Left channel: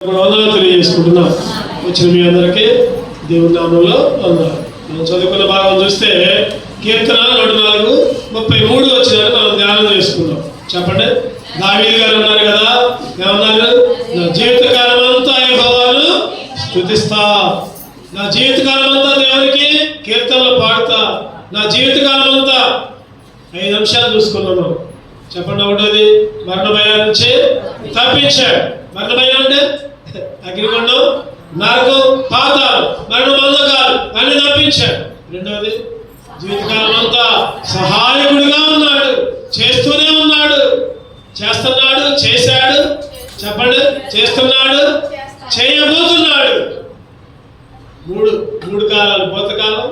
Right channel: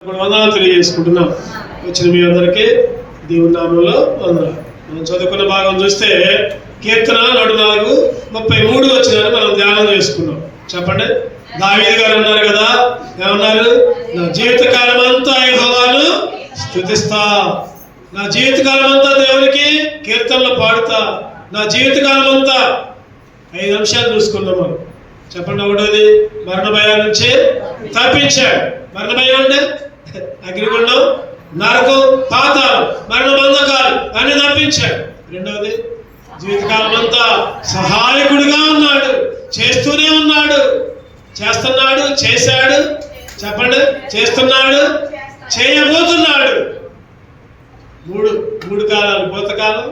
వందనాలు తెలియజేసుకుంటున్నాం. వచ్చిన మీ అందరికీ దేవుని నామంలో వందనాలు. మనం చదువుకున్న భాగం చూస్తే కీర్తన 104:33 వచ్చిన మనం ధ్యానం చేసుకున్నాం. చెప్పండి. దావీదు గారు అన్నారు కదా, ఏమన్నారు? నా జీవితకాలం అంతా యెహోవాను స్తుతిస్తా, నా జీవితకాలం అంతా దేవునికి కీర్తనలు పాడుతా, నా జీవితకాలం అంతా. 5 అంశాలు చూసుకున్నాము. చెప్పండి. ఒకటిది మరణ భయం నుంచి తప్పించాడు. మరణ భయం అంటే అగ్నిగుండం, నరకం, పాతాళం, మరణ బంధకాలు అన్ని తప్పించాడు. రెండవది జీవితకాలం అంతా సహాయకుడిగా ఉన్నాడు, చేస్తూనే ఉన్నాడు, చేస్తున్నాడు, చేశాడు. చెప్పండి. చేస్తున్నాడు, చేయబోతున్నాడు. మూడు కాలాలు: భూతకాలం,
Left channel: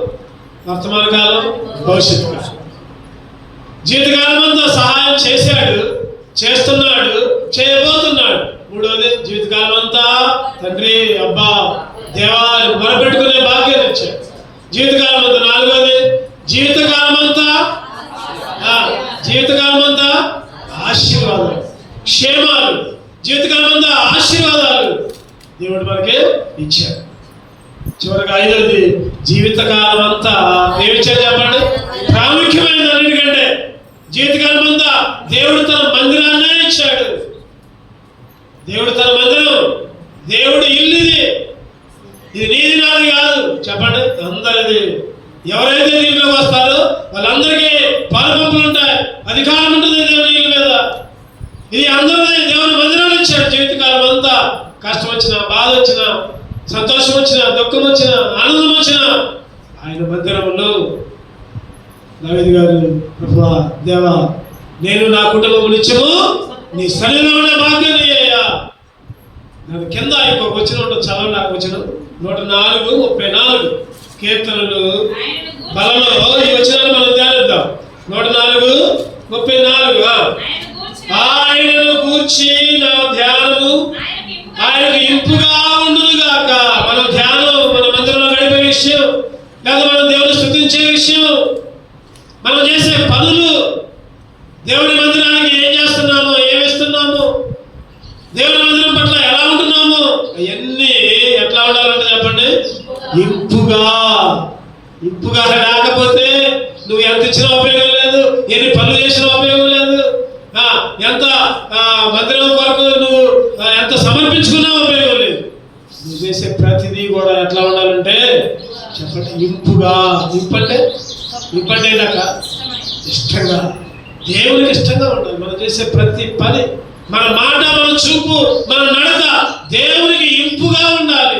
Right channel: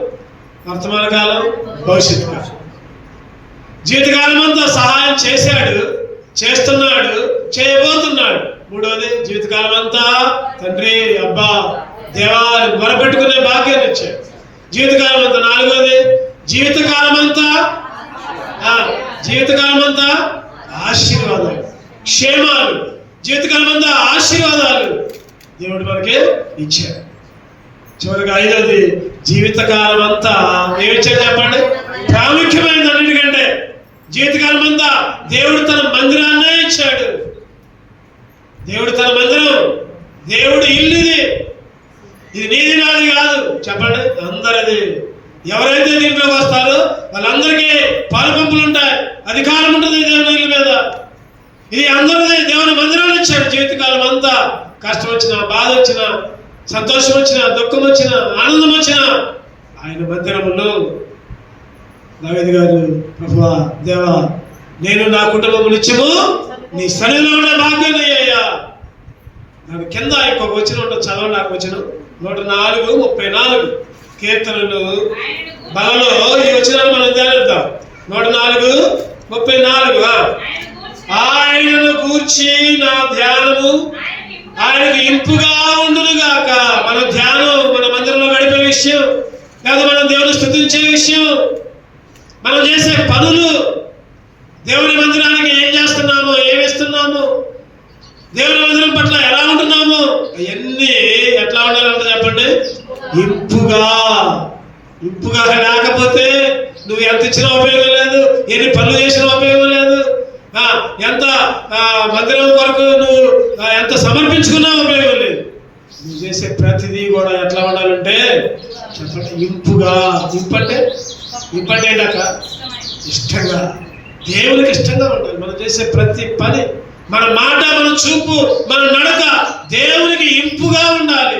వర్తమాన కాలం, భవిష్యత్తు కాలం. జీవితకాలం అంతా సహాయం చేశాడు, చేస్తున్నాడు, చేయబోతున్నాడు. మూడవది జీవితకాలం అంతా తండ్రి, అబ్బా, దేవాన్ని మొరపెట్టుకునే భాగ్యాన్ని ఇచ్చాడు జీవితకాలం అంతా. నాలుగవది జీవితకాలం అంతా ఆశీర్వాదాలు, క్షేమాలు, జీవితకాలం అంతా ఆశీర్వాదాలు దేవుడు మనకి ఇచ్చాడు. చివరికి 5వది జీవితకాలం అంతా ఏమిచ్చాడు చెప్పండి? ప్రాముఖ్యమైనది అన్నిటికంటే జీవితకాలం అంతా దేవుడు తన మందిరాన్నే ఇచ్చాడు. దేవుడు తన మందిరం, దేవుడు ఇల్లు. ఇది నీది నాది కాదు. చెప్పండి. అందరిది. ఎవరైతే దీంట్లోకి వస్తారో వాళ్ళందరికీ పాలుపంపులు ఉంటాయి, అధికారం ఉంటుంది దేవుని ఇల్లు మీద. ఇది అందరిది. దేవుని మందిరాలు ఇచ్చాడు. జీవితకాలం అంతా కష్టం వచ్చినా, బాధ వచ్చినా, సంతోషం వచ్చినా, దుఃఖం వచ్చినా, ఆనందం వచ్చినా ఆయన మందిరములో దావీదు గారు, ప్రభువా, దేవా, నేను నా కుటుంబం నిత్యము నీ సన్నిధిలో భాగ్యాన్ని అయ్యా. నాకు కింద ఇంకొక వచ్చిన ఉంటుంది, చదవండి. నాకు వచ్చిన 104:34 కీర్తనలు బలలో ఈ వచ్చినాన్ని మనం ధ్యానిద్దాం. 104:34 ఆయనను గూర్చి నా ధ్యానము ఆయనకు ఇంపుగా ఉండును గాక. మన ధ్యానం మన మందిరంలో గడిపే విషయం, లేదా మనం దేవుని స్తుతించే విషయం, మనం చేసే పనులు, దేవుని మందిరానికి ఏం చేస్తున్నాము, ఏమి ఇస్తున్నాము, దేవుని మందిరం పట్ల ఎలా ఉంటున్నాము, అవన్నీ ఎట్లా ఉండాలంటే చెప్పండి? ఇంపుగా రాకపోతే నువ్వు ఎంత ఇచ్చినా ఉపయోగం లేదు, ఎన్ని పనులు చేసినా ఉపయోగం లేదు, ఎంత మందిరం వరకు నువ్వు ఎంత సమర్పించుకున్నా ఉపయోగం లేదు. నువ్వు చేసే ప్రతిదీ కూడా ఎట్లా ఉండాలంటే చెప్పండి? ఇంపుగా. ఇంపంటే ఏంటక్క? ఇష్టంగా, దేవునికి ఇష్టంగా ఉండాలి. మనం చేసే ప్రతి పని, మన మాట, మన చూపు, మన నడక దేవునికి ఇంపుగా ఉండాలి.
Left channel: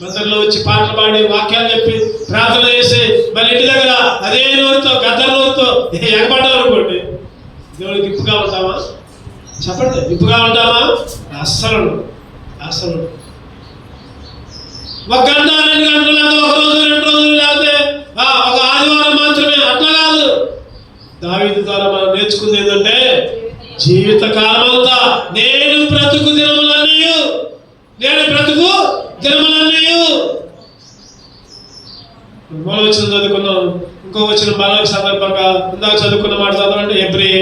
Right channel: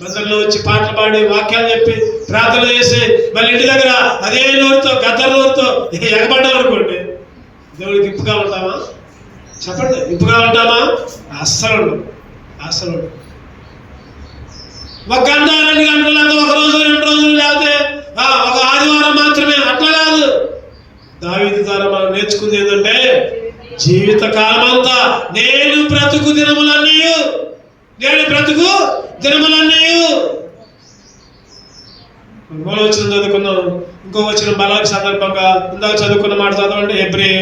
మందిరంలో వచ్చి పాటలు పాడి, వాక్యాలు చెప్పి, ప్రార్థన చేసి, మన ఇంటి దగ్గర అదే నోరుతో, గద్దర నోరుతో ఎగబడ్డాం అనుకోండి, దేవుడికి ఇంపుగా ఉంటామా? చెప్పండి. ఇంపుగా ఉంటామా? అస్సలు. ఒక గంట 2 గంటలు, ఒక రోజు 2 రోజులు, లేకపోతే ఒక ఆదివారం మాత్రమే, అట్లా కాదు. దావీదు ద్వారా మనం నేర్చుకుంది ఏంటంటే జీవితకాలం అంతా నేను బ్రతుకు దినములన్నీ మూల వచ్చిన చదువుకున్నాం. ఇంకో వచ్చిన బలం సందర్భంగా ఇందాక చదువుకున్న మాట చదవండి. Hebrew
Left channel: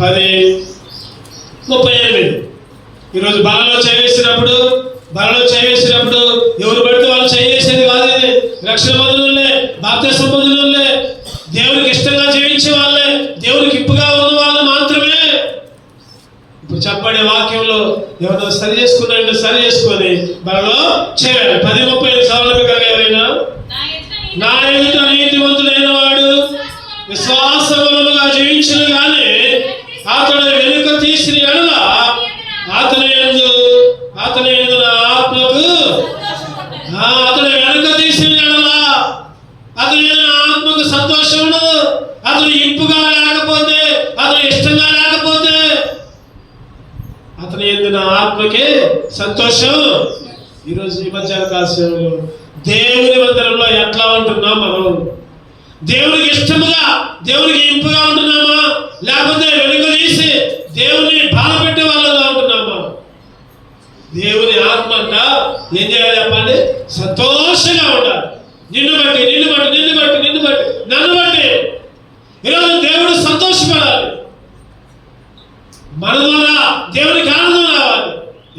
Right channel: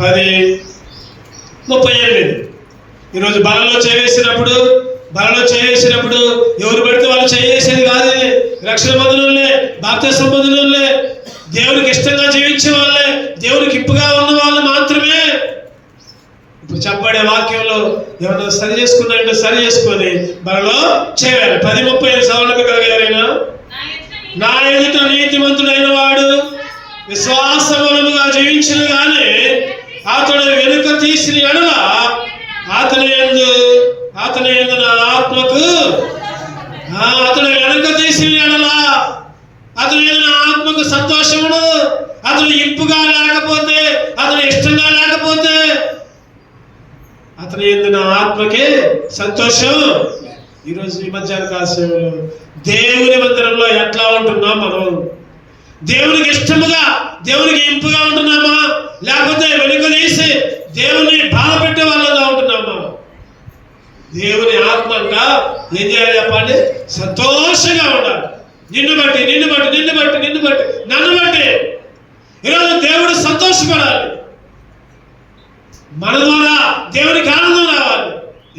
10:38. ఈరోజు బలలో చేవేసినప్పుడు ఎవరు పడితే వాళ్ళు చేసేది కాదు. రక్షణ బంధువులే, బాప్తిస్మ బంధువులే, దేవునికి ఇష్టంగా జీవించే వాళ్ళే, దేవునికి ఇప్పుగా ఉన్న వాళ్ళు మాత్రమే. ఇప్పుడు చెప్పబడే వాక్యంలో ఎవరైనా సరి చేసుకొని బలలో చేయాలి. 10:35 సవరణగా నా ఎదుట నీతిమంతుడైన వాడు విశ్వాసముగా జీవించను కానీ అతడు వెనుక తీసిన ఎడల అతని యందు నా ఆత్మకు అతడు వెనుక తీసిన ఎడల అతని యందు నా ఆత్మకు సంతోషమును. అతను ఇంపుగా లేకపోతే, అతను ఇష్టంగా లేకపోతే అతని యందు నా ఆత్మకే సంతోషం. ఈరోజు ఈ మధ్యాహ్న కాలంలో దేవుని మందిరంలో ఎట్లా ఉంటున్నాం మనం? దేవునికి ఇష్టముగా, దేవునికి ఇంపుగా ఉంటున్నామా, లేకపోతే వెనుక తీసి దేవుని బాధపెట్టే వాళ్ళగా ఉంటున్నామా? దేవుని ఆత్మగా ఏం చేయాలి చెప్పండి? సంతోషంగా ఉండాలి. నిన్ను బట్టి నన్ను బట్టి ఈరోజు దేవుడు సంతోషపడాలి. మన ద్వారా దేవునికి ఆనందం రావాలి.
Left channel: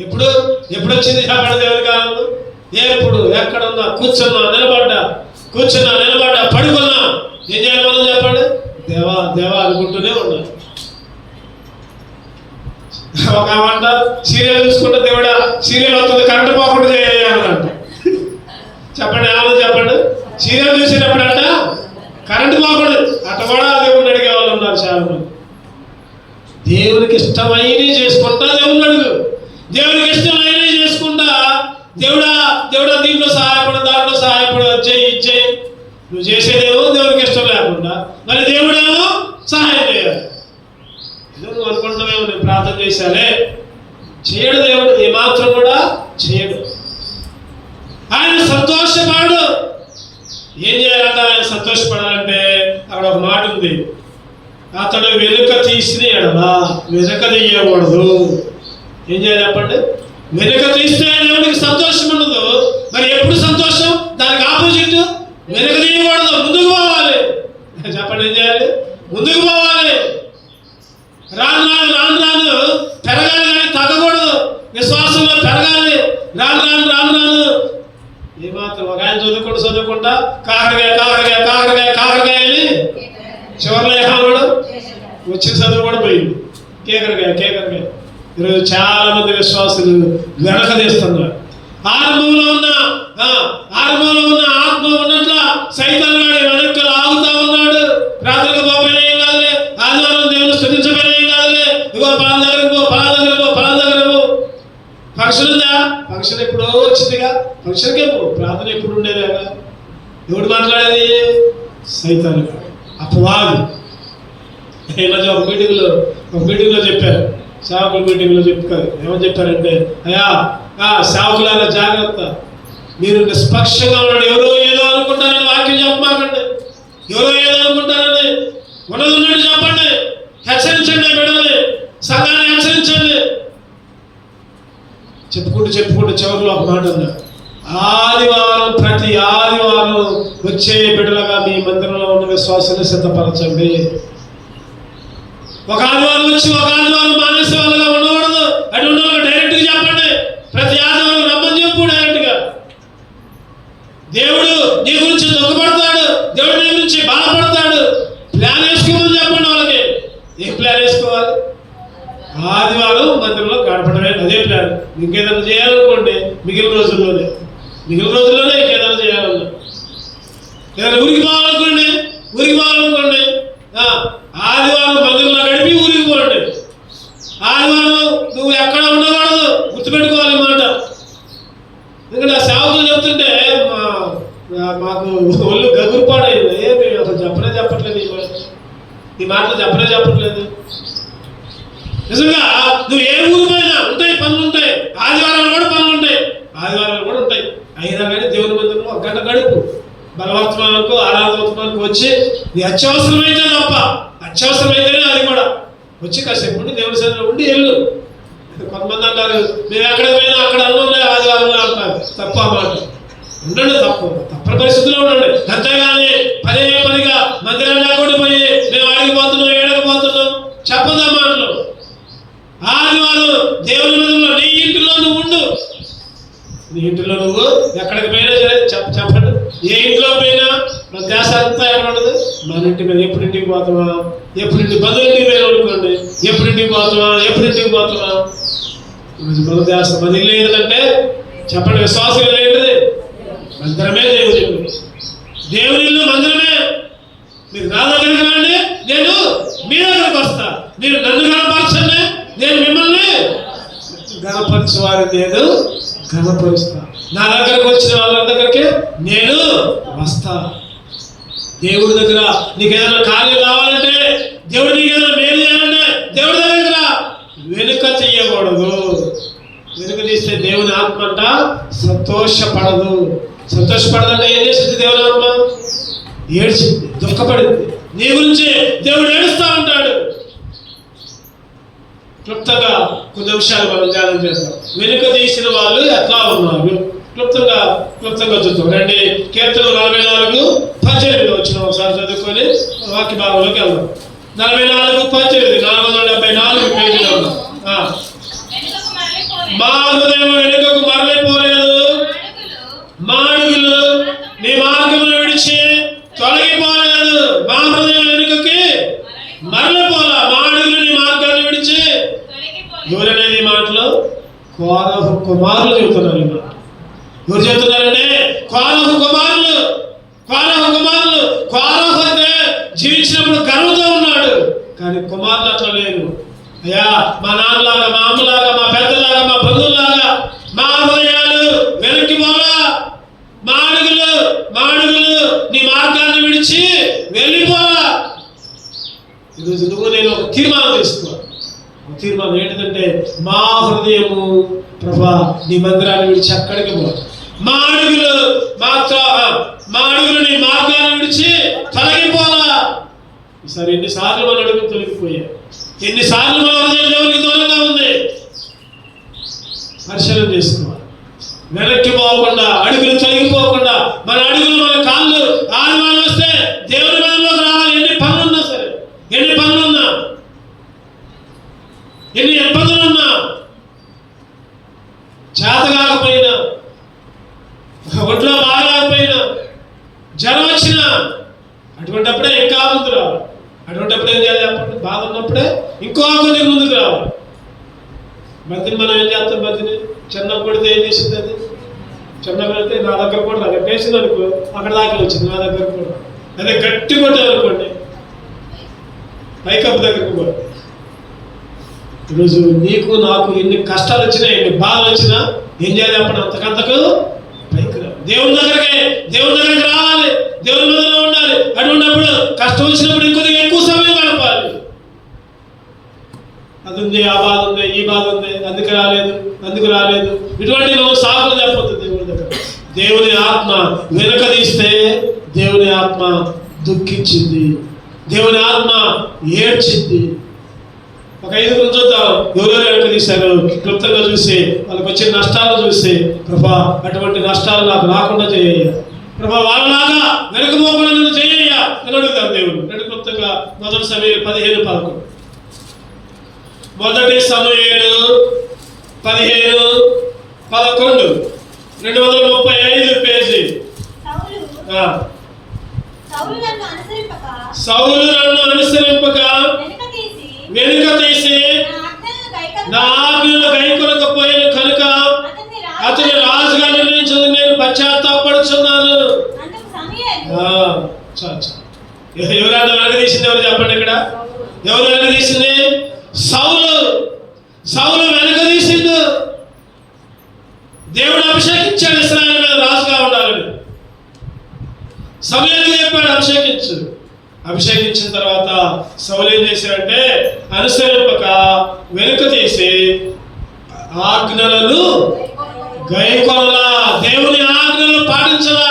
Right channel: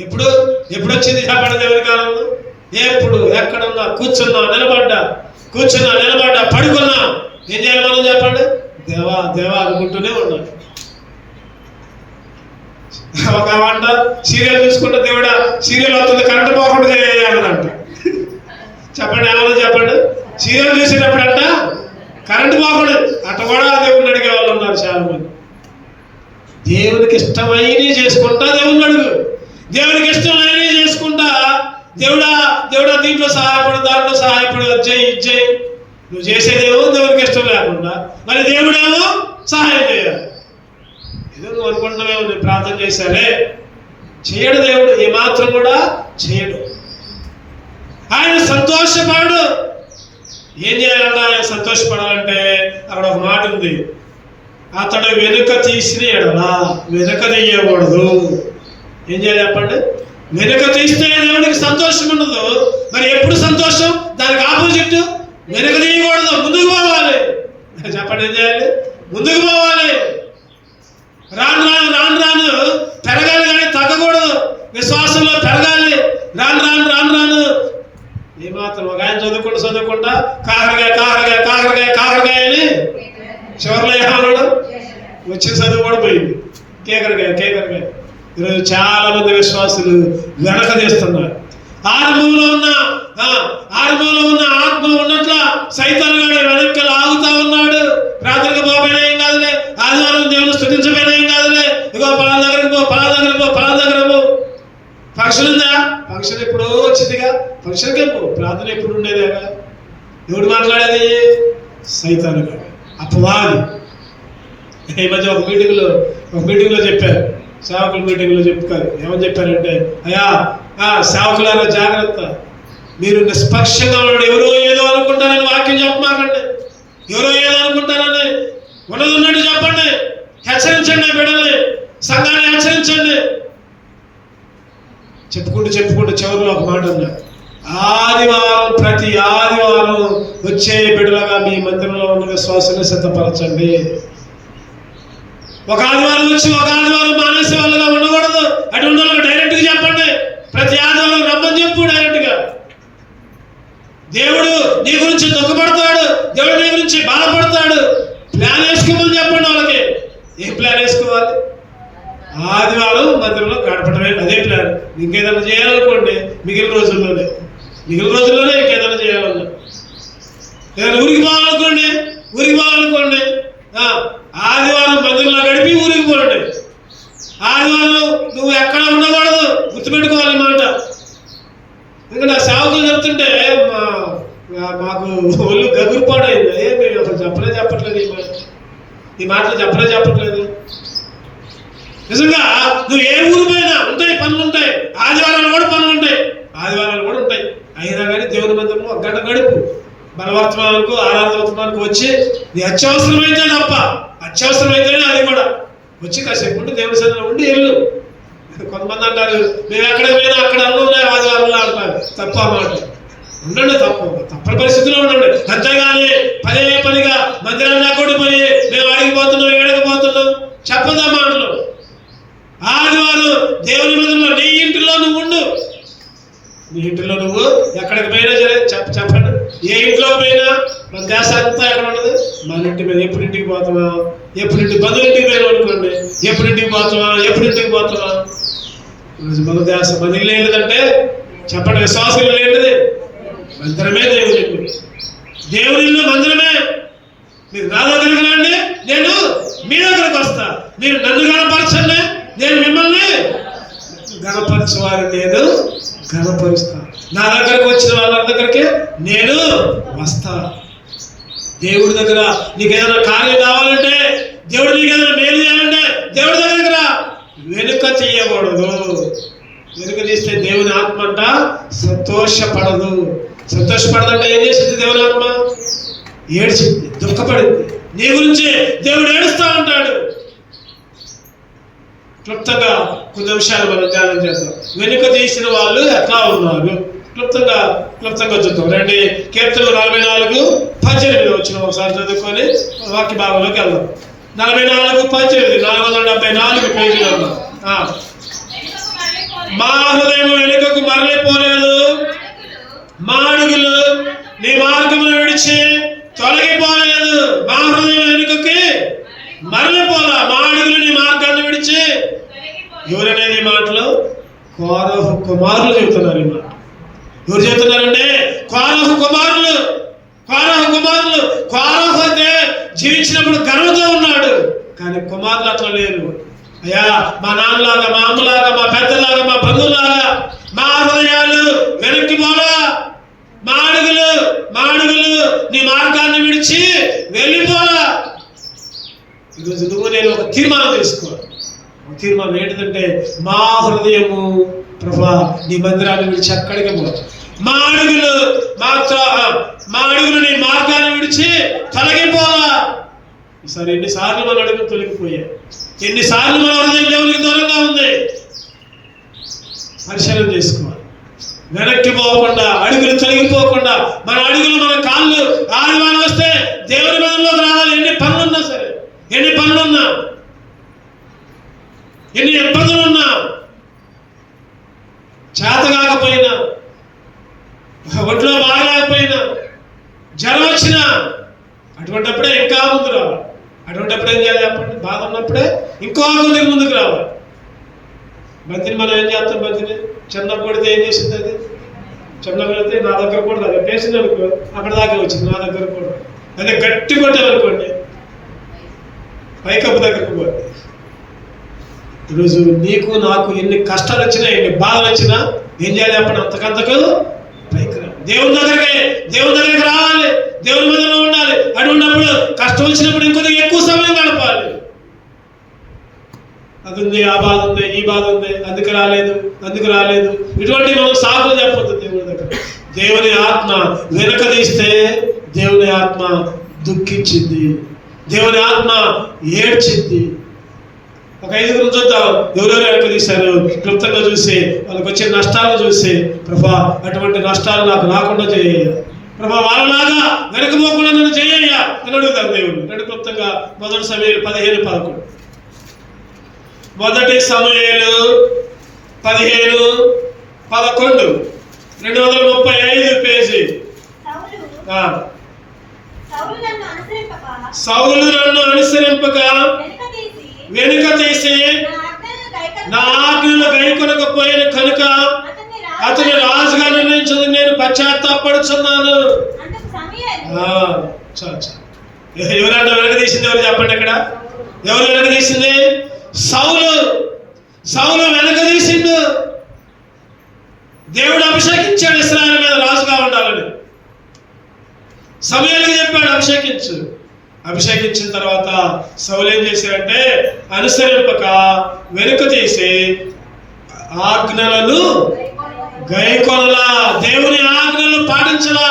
ఎప్పుడు ఎప్పుడు వచ్చింది చెప్పండి దేవుని కాలం? ఎప్పుడు ఎక్కడున్నా, కూర్చున్నా నిలబడ్డా పడుకున్నా ఏం చేయాలి మనం చెప్పండి? దేవా దేవా అనుకుంటూనే ఉన్నాం. ఒక ఆమంట సీరియల్ చూసుకుంటే దేవుడా సీరియల్ వస్తుంది కరెంట్ పోకుండా చేయాలంట. చెప్పండి ఏమన్నా చెప్పండి. సీరియల్ చూసేటప్పుడు అంట కరెంట్ పోకుండా అట్ట కూడా దేవుడిని అడిగే వాళ్ళు ఉన్నారు చాలా మంది. దేవునికి ఇష్టమైనవి చేసుకుంటా దేవుడిని అడుగు. దేవునికి ఇష్టమైనవి చేసుకుంటా దేవుడా దీంట్లో సహాయపడు, దాంట్లో సహాయపడు, ఇచ్చేయి. నువ్వు చేసేదేమో దేవునికి ఇష్టం లేకుండా మరి దేవుడేమో సహాయం చేయాలి. ఏదో నువ్వు అనుకుంటున్నావేమో నేను ప్రార్థన చేశానే, చేయడు దేవుడు, ఏమాత్రం కూడా చేయడు. ఆయన సంతోషపడు. ఏం చేయాలంట ఆయన సంతోషపడాలంటే అక్కడ ఒక మాట ఉంది, అతడు వెనుక తీసిన ఎడలా వెనుక తీయకూడదు. ఏం చేయాలి చెప్పండి? వెనుక తీస్తే దేవుడికి సంతోషం ఉండదు. మరి ఎప్పుడు సంతోషం? దానికి ఆపోజిట్ వెనుక తీయకూడదు, ముందుకు పోవాలి. చెప్పండి ఏం చేయాలి? ముందుకు పోవాలి. రాను పెరగాలి కానీ తగ్గకూడదు. విశ్వాసంలో పెరగాలి. రాను ఏమాత్రం ఒక ఆయన చదువుకుంటా కాకరకాయ అని చివరిలో ఏమన్నా వచ్చిన చదువు కూడా పోయింది. కేకరకాయ. ఈరోజు చాలా మంది విశ్వాసులు వెనక తీస్తున్నారు. ఆరంభంలో ఉన్న ఆత్మ ఉన్నట్ల సైతాన్ గాడు వెనక్కి ఆగుతా ఉన్నాడు. ప్రార్థనకు పోయినా ఏం కాదులే, ఆదివారం దేవుని స్తుతించబోయినా ఏం కాదులే, ఇగో పలా దగ్గర పో. ఫంక్షన్ ఉందా? ఫంక్షన్ ఎప్పుడో వచ్చిందిగా, ఫంక్షన్కే పో. ప్రార్థన ఎప్పుడు ఉండేదేగా. ఎవడు మాట్లాడేది? సైతాన్ గాడు, అపవాది. ఈ మధ్య ఒక మీటింగ్లో చెప్పారు, సేవకుల మీటింగ్లో చెప్తారు. ఏమని చెప్పారంటే, అయ్యా సేవకులారా జాగ్రత్త, మీరు నిష్పక్షంగా ఉన్నాడు. ఎవరో ఏదో అనుకుంటారని వాక్యం చెప్పమాకండి. ఎవరో ఏదో అనుకుంటారని ఉన్నట్టు చెప్పండి. హెచ్చరించండి, బిడ్డల్ని, సంఘాన్ని హెచ్చరించండి. చెప్పుకుంటూ చివరిలో ఒక మాట ఉంది, ప్రతి ఆదివారం వచ్చే బిడ్డలుగా మీ మందిరంలో ఉన్న విశ్వాసాన్ని సిద్ధపరచండి. ఒక ఆదివారం వచ్చి ఒక ఆదివారం మానేసే వాళ్ళగా ఉండకూడదు. అటు ఉండాలి. డైరెక్ట్ గా చెప్పండి, ప్రతి ఆదివారం రమ్మని చెప్పు. డైరెక్ట్ గా దేవుడు నీ గురించి దుఃఖపడతాడు, దేవుడు నీ గురించి బాధపడతాడు. ప్లాన్ వేసుకోమని చెప్పండి వాళ్ళకి. ఏం ప్లాన్ వేసుకోవాలి? ఆదివారం మందిరంలో గడపడమే, అదే ప్లాన్. ఇంకేదైనా చేయాలనుకోండి మిగిలిన రోజుల్లోనే ఇంకేదైనా చేయాలన్నా, ఏదైనా ఊరికి పోవాలనుకోండి ఆదివారం మందిరంలో గడిపి ఊరికి పోండి. ఆదివారం నువ్వు ఎక్కడ ఉండకూడదు, గుర్తుపెట్టుకోవాలి మాట. ఎందుకంటే ఆ సేవకులు చెప్తుంటే మాకు ఒళ్ళు గగురుపాడైంది. ఏమి అసలు చెప్పట్లేదు ఈ మాటలు చెప్పట్లేదు. నిజంగా నువ్వు ఏ ఊరు పోయినా ఉంటాయి, పనులు ఉంటాయి. ఆదివారాలు కూడా ఉంటాయి. అయినా కానీ దేవుని మందిరంలో ఒక గంట గడుపు. బలవర్తమానికి ఆరాధవర్తమానికి వచ్చి నీ అత్యవసరమైతేనే అది కూడా వచ్చి కాసేపు ఉండి దేవుని సన్నిధిలో ఉండి వెళ్ళు. కొంతమంది అంటారు మేము ఎక్కడ పోయినా అక్కడ అన్నం ఆదివారంలో అంటారు. తప్ప మాట ఉండండి, తప్పని పరిస్థితిలో ఉండండి. అంతేగాని పనిగా మందిరంలో కూడా పోయి మేము ఏడకపోతున్నాం చెప్పదా మాటలు. ఆదివారం దేవుని మందిరంలో నీ ఇంటిలో నువ్వు ఉండు. నీ ఇంటిలో నువ్వు ఎక్కడికి పోయినా సరే చెప్పండి. ఏ ఇంట్లో పోయినా మన దేశ అంతా ఎక్కడ ఉండదు, మన ఇంటి మీద. ఎప్పుడు ఇంటికి పోతామా, బంధువులింటికి పోయినా అనుకోండి, ఎప్పుడు ఇంటికి పోతామా. మన దేశం మన ఇల్లు ఏంటంటే చెప్పండి, విశ్వాసం ఏంటిది? మందిరమే దేవుని ఇల్లు మందిరమే. మీరు నా దగ్గరికి రండి, నేను మీ దగ్గరికి వస్తా. మీరు నన్ను గణపరచండి, నేను మిమ్మల్ని గణపరచేవారిని నేను గణపరుస్తా. నా దగ్గరకు వచ్చిన వాళ్ళ దగ్గరికి నేను వస్తా. దేవుడి దగ్గర నీకు ఏదైనా కార్యం కావాలంటే, దేవుడు నీకు ఏదైనా మేలు చేయాలంటే దేవుడి దగ్గర వెనుక తీయకూడదు. వెనుక తీస్తే దేవుని ఆత్మ అంట సంతోషపడదంటే ఏం చేసింది? దేవుని ఆత్మ ఏడ్చింది, దుఃఖపడింది. నీ గురించి దేవుడు ఏడుస్తూ ఉంటాడు. క్లుప్తంగా కొన్ని నిమిషాలు మనం ధ్యానం చేద్దాం. వెనుక తీసిన వాళ్ళు ఎట్లా ఉన్నారు క్లుప్తంగా చూద్దాం. రండి, కీర్తన 44:18 వచ్చిన ఒకసారి చదువుకొని వాక్య భాగంలోకి వెళ్దాం. 44:18 474 పేజీలో ఉన్నాం. మా హృదయం వెనుక కుమారులు చెబుతున్నారు. ఎవరు చెబుతున్నారంటే కోరహు కుమారులు. కోరహు అయితే జీవించినప్పుడు గర్వంతో ఉన్నాడు, కానీ కుమారులు అట్లా లేరు. అయ్యా, మా నాన్నలాగా, మా అమ్మలాగా, మా పెద్దలాగా, మా బంధువులాగా మా హృదయాలు వెనక్కి పోలా, మా అడుగులు నీ మార్గాన్ని విడిచి వెళ్ళిపోలా. ఈరోజు నువ్వు నేను ఒక తీర్మానం తీసుకోవాలి. తీర్మానం ఏంటంటే మా హృదయము ప్రభా నీ మందిరాన్ని విడిచి అక్కడికి పో. మా అడుగులు నీ మార్గాన్ని విడిచి తొలగిపోలా. ఈసారి ఎన్నిసార్లు మన అడుగులు తొలగిపోయాయి, ఎన్నిసార్లు మన హృదయం దేవునికి దూరంగా ఉంది. పరిశీలన చేసుకోవాలి. వెనక్కి పోకుండా, అడుగులు తొలగిపోకుండా, మన అడుగులు మన కాళ్ళు ఆడవాళ్ళు వస్తే దేవుని మనలోకి రావాలి. ఎన్ని పనులున్నా సరే, ఎన్ని పనులున్నా, ఎన్ని ఇబ్బందులున్నా, చేత కాకపోయినా, ఒంట్లో బాగలేకపోయినా, జ్వరం వచ్చినా, అటువంటిప్పుడే ఇంకా ముందు రావాలి. అటువంటిప్పుడు ఏం చేయాలి? అప్పుడు బాధ ఉన్నప్పుడే ఇంకో కొద్దిగా ముందుకు రావాలి. బంతిని మనం ఏం చేస్తాం? బంతిని చిన్న కొడితే ఏం చేసింది? అది చిన్న కొడితే నా దగ్గర కూడా అదే పేసింది అనుకో, అక్కడ దాకా వచ్చింది నా దగ్గర కూడా. అదే గట్టి కొట్టాలనుకోండి, పైకప్పు దగ్గరకు పోయి. ఈరోజు నీకు నాకు ఎన్ని కష్టాలు వచ్చినా, ఎన్ని బాధలు వచ్చినా ఏం చేయాలి? అప్పుడు అంతకంతకు పైకి రా. దేవుని దగ్గరికి రావాలి, దేవుని మీదలో ఉండాలి. అటువంటిప్పుడు కష్టం వచ్చినప్పుడు ఇంకొద్దిగా ఎక్కువ సమయం గడపాలి. అది ఉంది, ఆ బాధ ఉంది, ఈ బాధ ఉంది, అందుకు రాలేదు ఇటువంటి మనం సాకులు చెప్పొద్దు దేవుని దగ్గర. దేవుని ఆత్మ వెనక తీస్తే దేవుని ఆత్మ దుఃఖించింది, దేవుని ఆత్మ ఏడ్చింది. ఒక 5 చూద్దాం. ఎవరెవరు వెనక తీశారు క్లుప్తంగా చూసి, వాళ్ళకి వచ్చిన నష్టాలు చూసి, ప్రభా అటువంటి నష్టాలు నాకు రాకుండా చేయ ప్రభా, వాళ్ళలాగా వెనకపోకుండా నన్ను చేయ్యా అని అడుగుతారు దేవుడు. రెండు క్లుప్తంగా 1 సమూయేలు 15:11. 1 సమూయేలు 15:11 235 పేజీ. సౌలు నన్ను అనుసరింపక వెనుక తీసి నా ఆజ్ఞలు గైకొనకపోయిన కనుక అతని రాజుగా నిర్ణయించదు, నేను పశ్చాత్తాపడుచున్నాను. ఎవరంటే వెనక తీసింది? ఎవరు చెప్పండి ఇక్కడ? ఎవరు వెనక తీసింది? సౌలు వెనక తీసిండు. దేవుడు అభిషేకించాడు ఇశ్రాయేలు మీద రాజుగా ఉండాలని. సమూయేలుకి చెప్పాడు అభిషేకించు. అభిషేకించిన తర్వాత సౌలు ఏం చేశాడంటే అనుసరింపక వెనుక తీసి ఆజ్ఞలను గైకొనలా, దేవుని ఆజ్ఞలను పాటించలా.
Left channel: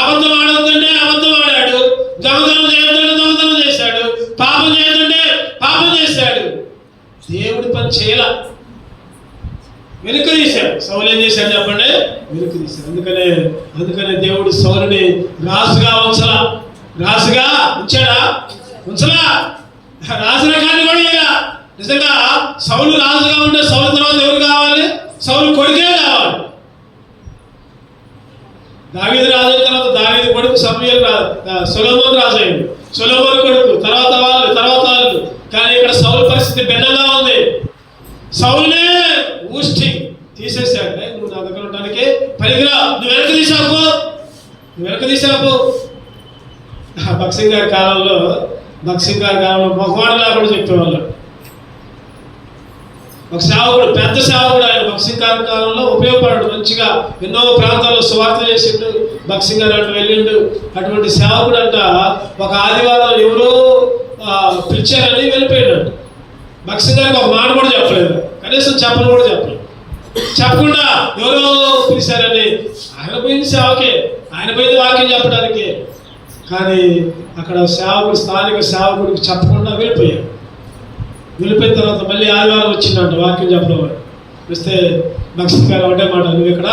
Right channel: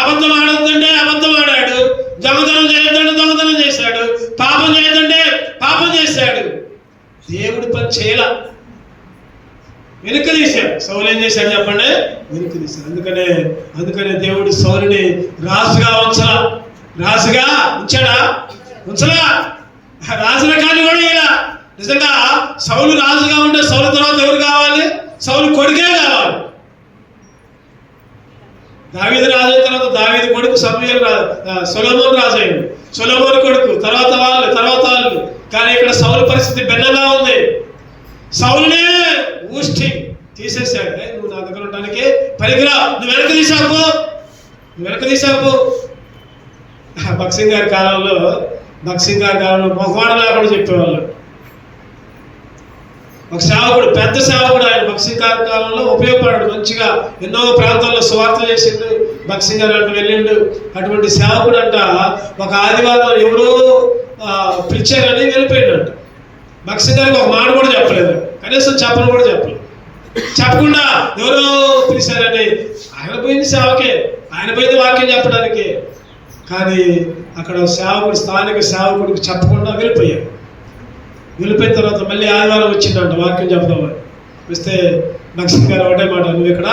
అబద్ధం ఆడొద్దంటే అబద్ధం ఆడాడు, దొంగతనం చేయొద్దంటే దొంగతనం చేశాడు, పాపం చేయొద్దంటే పాపం చేశాడు. దేవుడి పని చేయాల, వెనుక తీశాడు. సౌలు ఏం చేశాడు చెప్పండి? వెనుక తీశాడు. అందుకనే దేవుడు సౌలుని రాజుగా ఉంచలా. రాజుగా ఉంచలా, రాజుగా కానీ కూడా ఇలా. నిజంగా సౌలు రాజుగా ఉంటే సౌలు తర్వాత ఎవరు కావాలి? సౌలు కొడుకే కావాలి. దావీదు రాజు అయిన తర్వాత దావీదు కొడుకు సొలొమోను రాజు అయ్యాడు. సొలొమోను కొడుకు, తర్వాత వాళ్ళు. కానీ ఇక్కడ సౌలు పరిస్థితి భిన్నంగా ఉంది. సౌలునే ఊష్టి తీసేశాడు. నువ్వు నా దగ్గర ఉండడానికి పనికిరా, నువ్వు వెనక తీసావు. భక్సింగ్ గారి కాలంలో మొహమాటలా కూడా చెప్పేవాళ్ళు. ఒక సేవకుడు, పెద్ద సేవకుడు, ఆయన భక్సింగ్ గారి కాలంలో ఉపయోగపడాడు. మంచిగా ఎన్నో ప్రాంతాల్లో సువార్త చేసిండు. భక్సింగ్ గారు అటు వెళ్ళిండు. అటువంటి సేవకుడు అంట ఒక ఆదివారం ఎవరో పిలిచారని వెళ్ళిపోయినాడు. భక్సింగ్ గారికి ఒక మాట కూడా చెప్పలేదు, కనీసం చెప్పను కూడా చెప్పకుండా ఎవరో పిలిచారని. ఆయన పోయింది సేవకే, ఆయన పోయింది వాక్యం చెప్పడానికి. కానీ అక్కడ స్థానిక సేవకుడికి చెప్పకుండా వెళ్ళిపోయారు. వెళ్ళిపోయిన తర్వాత మళ్ళీ ఆదివారం వచ్చిందంట వాక్యం చెప్పడం. వస్తే భక్సింగ్ గారు ఒకటే మాట, నువ్వు ఇక్కడ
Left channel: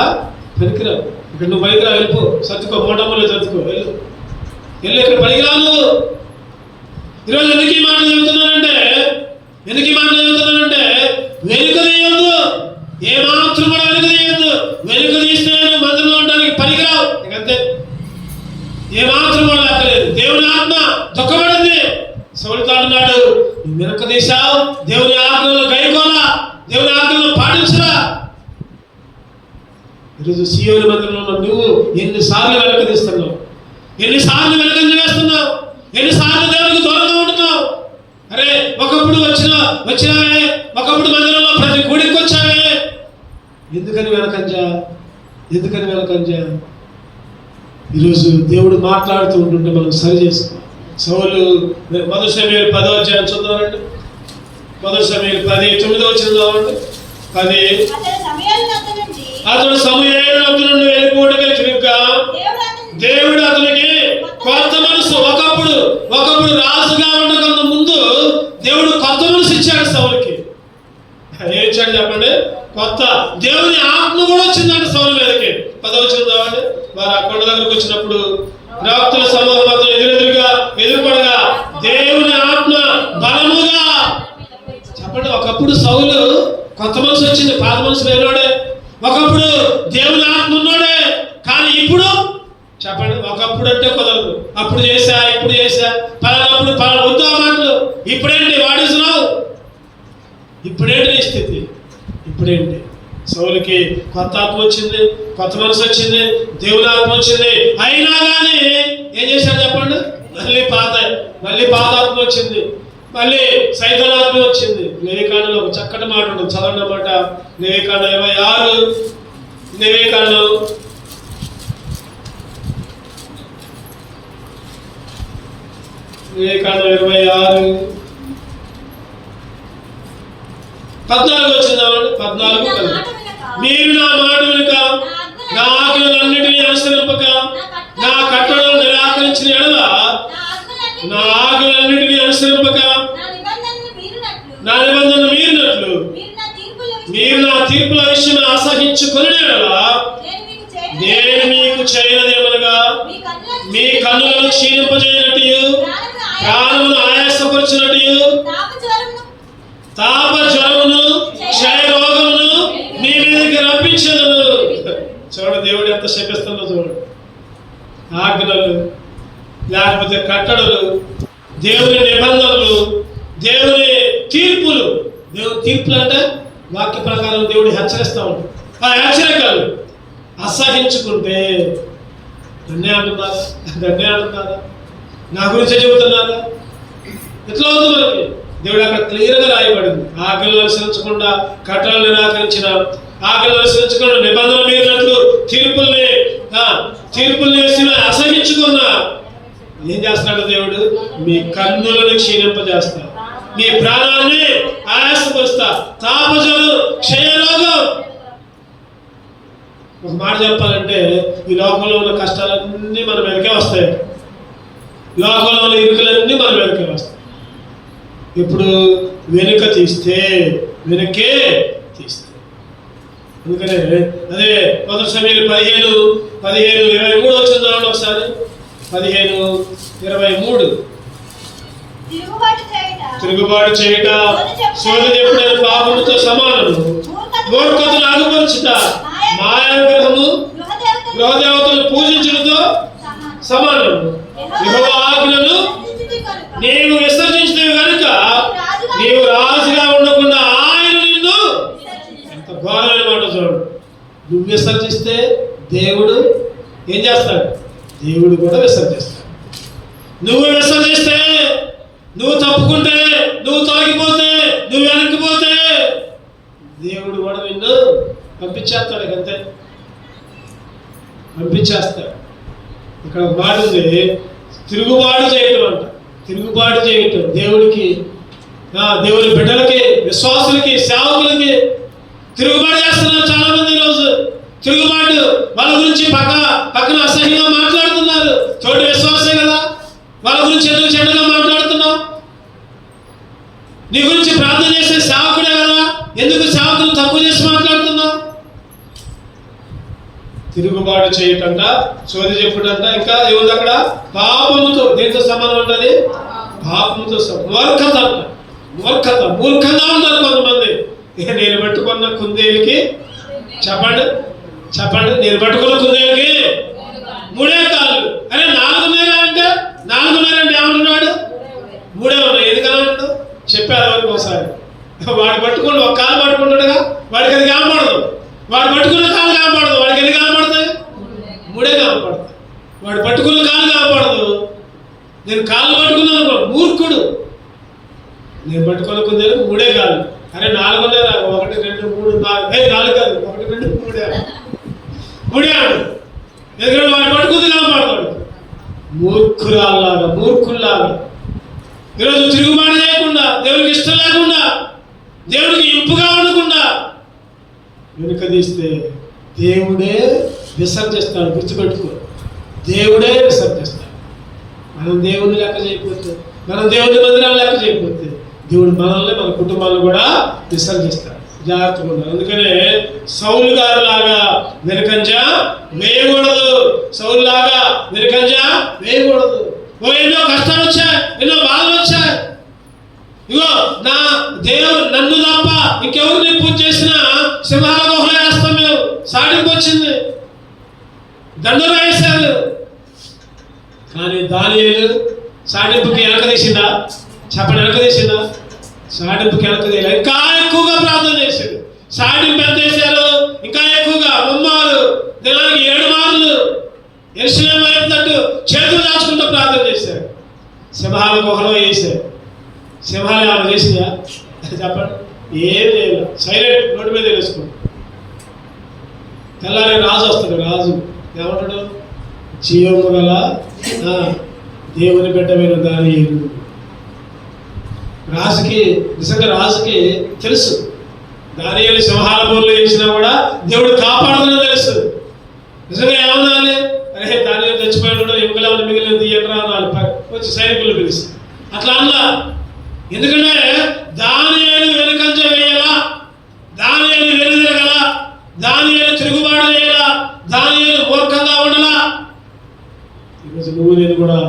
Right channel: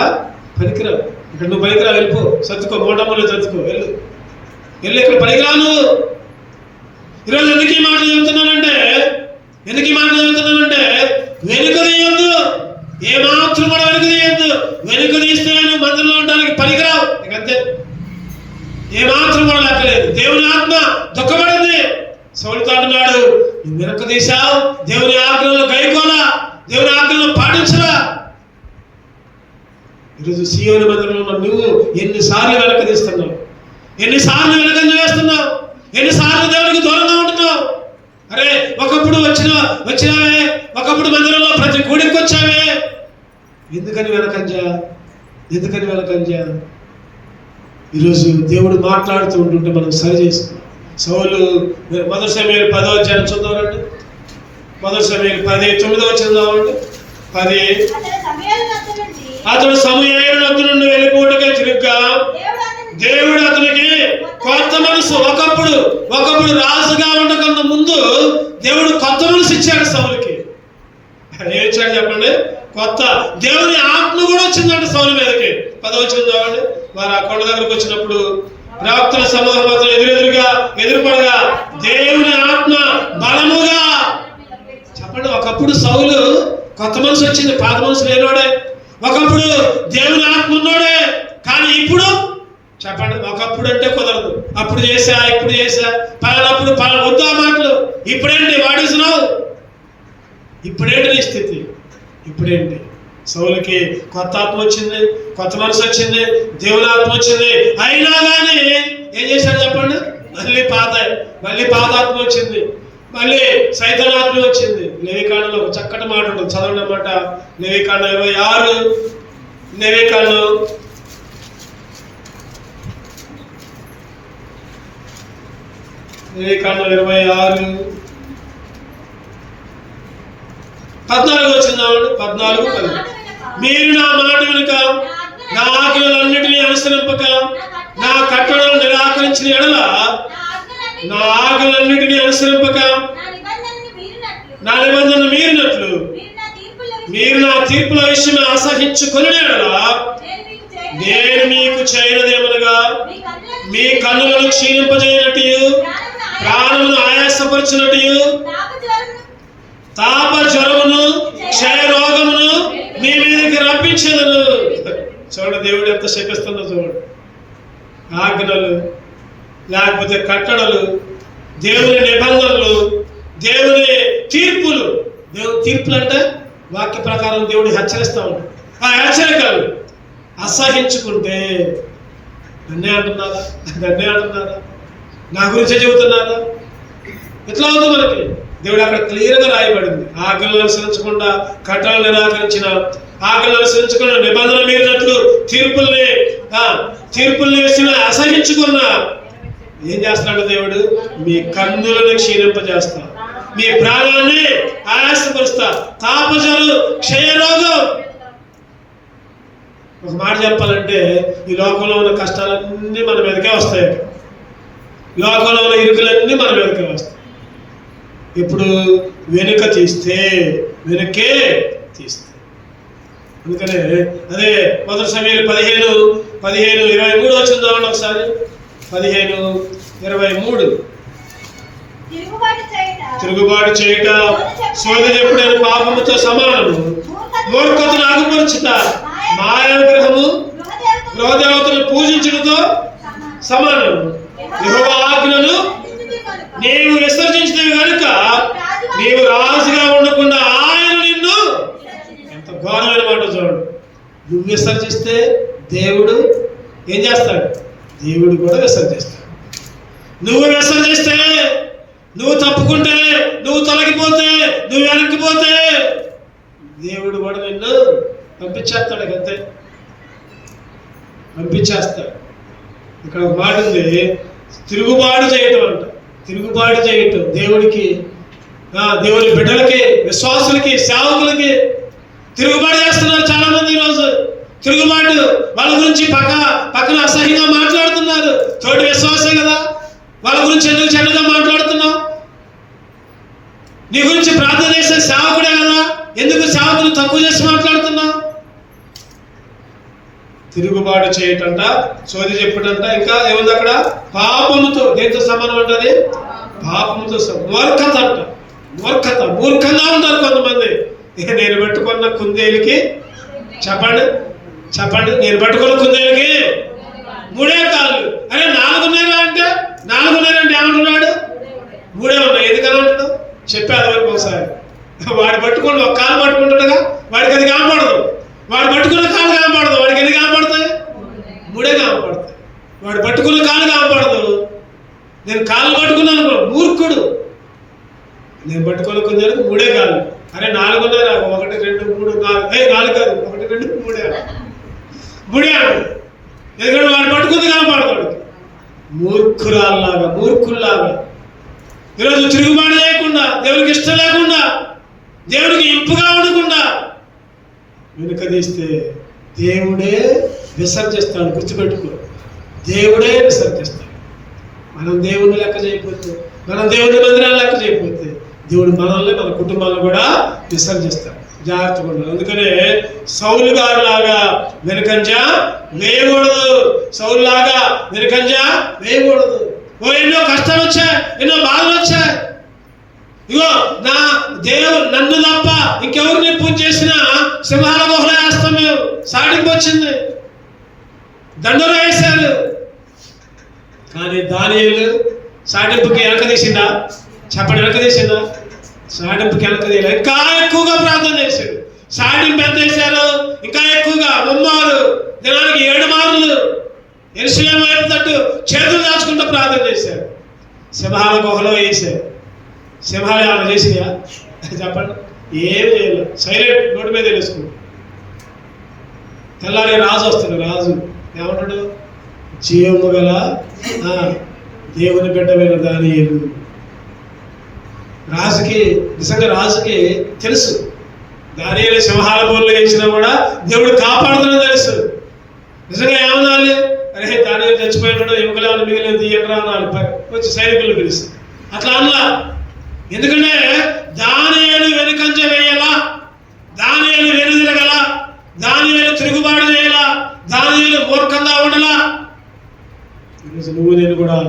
పనికిరావు, ఇక్కడ నువ్వు పనికిరా, వెళ్ళిపో, సర్దుకో, మోటమ్మలో సర్దుకో, వెళ్ళు ఇక్కడ పనికిరాను. ఈరోజు ఎందుకు ఈ మాటలు చెబుతున్నానంటే వెనుక తీయొద్దు, ఏమాత్రం కూడా వెనుక తీయొద్దు. వెనుక తీస్తే మందిరంలో ఉండడానికి పనికిరావు, అంతే. ఏమాత్రం కూడా లెక్కలేదు. దేవుని ఆత్మ దుఃఖపడింది. సౌలుతో అంటున్నాడు, నువ్వు వెనుక తీశావు, దేవుని ఆజ్ఞలను గైకోలా, దేవుని ఆజ్ఞలను పాటించరా. ఈరోజు సీయోను మందిరంలో ఉన్న నువ్వు ఎన్నిసార్లు వెనక తీస్తున్నావు, ఎన్నిసార్లు వెనకంజ వేస్తున్నావు, ఎన్నిసార్లు దేవునికి దూరంగా ఉంటున్నావు. అరే ఒకప్పుడు వచ్చినావే, ఒకప్పుడు మందిరంలో ప్రతి గుడికి వచ్చావే, ఎందుకని వెనకంజా? ఈరోజు దేవుడు మాట్లాడుతూ ఉంటుంటే మనం సరి చేసుకోవాలి. సౌలు మొదటి సమయాలు 10వ అధ్యాయం చదవాలండి. మొదటి సమయాలు 10:9 చదవాలండి. 10 అతడు సమూయేలు వద్ద నుండి వెళ్ళిపోవడానికి తిరుగుగా దేవుడు అతనికి కొత్త మనసు, ఒకప్పుడు రాజుగా ఉండకన్నా ముందు దేవుడు కొత్త మనసు ఇచ్చాడు సౌలుకి. ఏం ఇచ్చాడు చెప్పండి? కొత్త దేవుని ఆత్మ కూడా వచ్చిందంటే సౌలు మీదకి. 10వ చదవండి. వారు ఆ కొండ దగ్గరకు వచ్చినప్పుడు ప్రవక్తల సమూహం అతను ఎదురుపడగా దేవుని ఆత్మ బలముగా, చెప్పండి, ఒకప్పుడు సౌలు కొత్త మనసు వచ్చింది, పాత మనసు లేనోడే. ఒకప్పుడు దేవుని ఆత్మ ఉన్నోడే, కానీ ఇప్పుడు చెప్పండి, ఒకప్పుడు అంటే కుదరదు. అప్పుడు చేసా, ఇప్పుడు చేసా, పలానప్పుడు వద్దు ఆ మాటలు. ఇప్పుడేంటి వాడేసినావు? ఇప్పుడేంటి నీ స్థితి? ఇప్పుడేంటి? సౌలుకి కొత్త ఆత్మ వచ్చింది, కొత్త మనసు వచ్చింది, దేవుని ఆత్మ వచ్చింది. అయినా కానీ ఏం చేశాడు చెప్పండి? మళ్ళీ పాత ఆత్మ వచ్చింది, మళ్ళీ సైతానాత్మ వచ్చింది. లేవికాండంలో ఒక చక్కటి మాట ఉంటుంది, చదవండి అన్నమాట. లేవికాండం 26, లేవికాండం 26 14 వచ్చిందామండి. 14 మీరు నా మాట వెనుక నా ఆజ్ఞలన్నిటినీ అనుసరింపక నా కట్టడలను నిరాకరించిన ఎడల, నా ఆజ్ఞలన్నిటినీ అనుసరింపక నా నిబంధన మీరినట్లు మీరు నా తీర్పుల విషయం అసహించుకుని ఎడల నేను మీకు చేయనదేమనగా మీ కన్నులను క్షీణింపజేయనట్టు, ప్రాణమును ఆయాసపరచినట్టు, తాప జ్వరమును క్షయ రోగమును మీ మీదకి రప్పించను. చూడండి దేవుడు ఎంత శపిస్తుందో చూడండి. ఆజ్ఞలు, లేకపోతే కట్టడలు, దేవుని నిబంధనలు, దేవుని తీర్పులు. దేవుని తీర్పులు అంటే వాక్య ప్రకారం దేవుడు హెచ్చరిస్తూ ఉంటాడు. ఆ హెచ్చరికలు అసహించుకుంటే నన్నే అంటున్నారా? నా గురించే చెబుతున్నారా? ఎట్లా అవుతుంది మనకి? దేవుడు అక్కడ క్లియర్గా రాయబడింది. ఆజ్ఞలు అనుసరించకుండా కట్టడలు నిరాకరించిన, ఆజ్ఞలు అనుసరించకుండా నిబంధన మీరినట్లు తీర్పుల్ని వేసిన అసహించుకున్న ఏం చేస్తున్నాడు దేవుడు? మీ కన్నులను క్షీణింపజేస్తా, మీ ప్రాణాన్ని ఆయాసపరుస్తా, తాపజలు, క్షయరోగం. ఒక మాట చెప్పాలంటే ఈ లోకంలో ఉన్న కష్టాలన్నీ మన మీదకే వస్తాయి, లోకంలో ఉన్న ఇరుకులన్నీ మన మీదకే వస్తాయి. ఇప్పుడు వెనుకే తీస్తే అందుకనే అదే మొదటి సమయాలు 15:23 వచ్చింది ఒకసారి. 15:23 తిరుగుబాటు చేయుట సోదె చెప్పుడైన పాపముతో సమానము, మూర్ఖతను అగుపరచుట మాయాగ్రహము గృహదేవతలు పూజించడంతో సమానము. యెహోవా ఆజ్ఞను నీవు విసర్జించినవి కనుక నీవు రాజుగా ఉండకుండా ఆయన నిన్ను, ఎంత ఘోరమైన మాట చూడు. నువ్వు విసర్జిస్తే దేవుడు ఏం చేస్తాడు? దేవుడు కూడా విసర్జిస్తాడు. నువ్వు విసర్జిస్తే, నువ్వు తప్పుకుంటే, నువ్వు తొలగిపోతే, నువ్వు వెనక్కిపోతే దేవుడు కూడా నిన్ను పంపించేస్తాడు. అంతే, పంపించేస్తాడు. ఇక్కడ ఒక మాట ఉంది, తిరుగుబాటు చేయటం అంట. తిరుగుబాటు చేయటం దేవుడికి, దేవుని బిడ్డలకి, విశ్వాసులకి, సేవకులకి తిరుగుబాటు చేస్తున్నారు చాలా మంది. ఈరోజు తిరుగుబాటు, వాళ్ళ గురించి పక్కన అసహ్యంగా మాట్లాడుతున్నారు. తోటి విశ్వాసే కదా, వాళ్ళ గురించి ఎందుకు చెడ్డగా మాట్లాడుతున్నావు? నీ గురించి ప్రార్థన చేసే సేవకుడే కదా, ఎందుకు సేవకులు తక్కువ చేసి మాట్లాడుతున్నావు? తిరుగుబాటు చేయటంట, సోది చెప్పుడంట. ఇంకా ఏముంది అక్కడ? పాపముతో. దేంతో సంబంధం ఉంటుంది? పాపముతో. మూర్ఖత అంట. మూర్ఖంగా ఉన్నారు కొంతమంది. నేను పట్టుకున్న కుందేలుకి, చెప్పండి నేను పట్టుకున్న కుందేలుకి 3 కాళ్ళు. అరే 4 అంటే ఏమంటున్నాడు? 3 ఉన్నాయి. ఎందుకని అంటాడు? చెప్పారు వరకు ఒకసారి. వాడు పట్టుకోండి, ఒక కాలు పట్టుకుంటాడుగా, వాడికి అది కాపాడదు. వాడు పట్టుకున్న కాలు కనపడదు. వాడికి ఎన్ని కనపడతాయి? 3 కనపడతాయి. వాడు పట్టుకున్న కాలు కనపడదు. నేను కాళ్ళు పట్టుకున్నాను, మూర్ఖుడు. నేను పట్టుకున్న కొంచెం 3 కాళ్ళు. అరే 4 ఉన్నాయి, 1 2 3 4 4 కాదు, 1 2 3 3 ఆడు. ఎందుకంటే వాడు పట్టుకుంది కనపడతాడు. మూర్ఖురాల్లాగా, మూర్ఖుల్లాగా ఈరోజు తిరుగుబాటు లేకుండా, దేవుడికి ఇష్టం లేకుండా, దేవుడికి ఇంపుగా ఉండకుండా వెనుక తీస్తే దేవుడే విసర్జిస్తాడు. గుర్తుపెట్టుకో, దేవుడే విసర్జిస్తాడు. మనం దేవుడిని లెక్క చేయకపోతే, మనం దేవుడి మందిరాన్ని లెక్క చేయకపోతే దేవుడు మనల్ని, మన కుటుంబాలను కూడా విసర్జిస్తాడు. జాగ్రత్తగా ఉండాలి. అందుకనే సౌలు గారు లాగా వెనుకంజ వేయకూడదు. సౌలు లాగా వెనుకంజ వేయకూడదు. ఎన్నో కష్టాలు వచ్చాయి, ఎన్నో బాధలు వచ్చాయి. ఇగో నా దేవుడు నన్ను తప్ప ఇంకెవరిని పూజ చేసినా సింహాల గుహలో వేస్తాం మేము. సాటింపు వచ్చింది, దండలు వేశారు. కానీ దానియేలు సాటింపుకి వెనక తీసిందా? చెప్పండి, వెనక తీసిందా? సాటింపుకి వెనక తీయలే. ఇంకా ఎక్కువగా ప్రార్థన చేశాడు. సాటింపు ఎంత చేశారు? ఇంకా ఎక్కువగా 3 మార్లు, దినానికి 7 మార్లు యెరూషలేము వైపు తట్టు చేతులు దాచుకుంటూ ప్రార్థన చేశారు. సింహాల గుహలో వేశారు. సింహాలు ఏమైనా చేసినాయా? చెప్పండి, ఏమి చేయలేదు. సైలెంట్, నోటి మీద వేసుకుంటాడు. తెల్లారి రాజు వస్తాడు. రాజు ఏమంటాడు? జీవము గల దేవుని బిడ్డమైన దానియేలు. రాజుకి, నిజంగా రాజుకి తెలుసు, దానియేలు సింహాల బోర్లు వేసినా కూడా దేవుడు కాపాడుతుందని తెలుసు. నిజంగా ఏమనాలి? అరే దానియేలు చచ్చిపోయినాడు, ఎముకలు మిగిలింది ఎట్లా అనాలి. వచ్చి సైనికులు పిలుస్తారు. అట్లా అన్నా. ఎందుకంటే దానియేలు వెనుకంజ వేయాలా, దానియేలు వెనుదిరగల, దానియేలు తిరుగుబాటు చేయాలా, దానియేలు మూర్ఖంగా ఉండలా. ఈరోజు నువ్వు నేను కూడా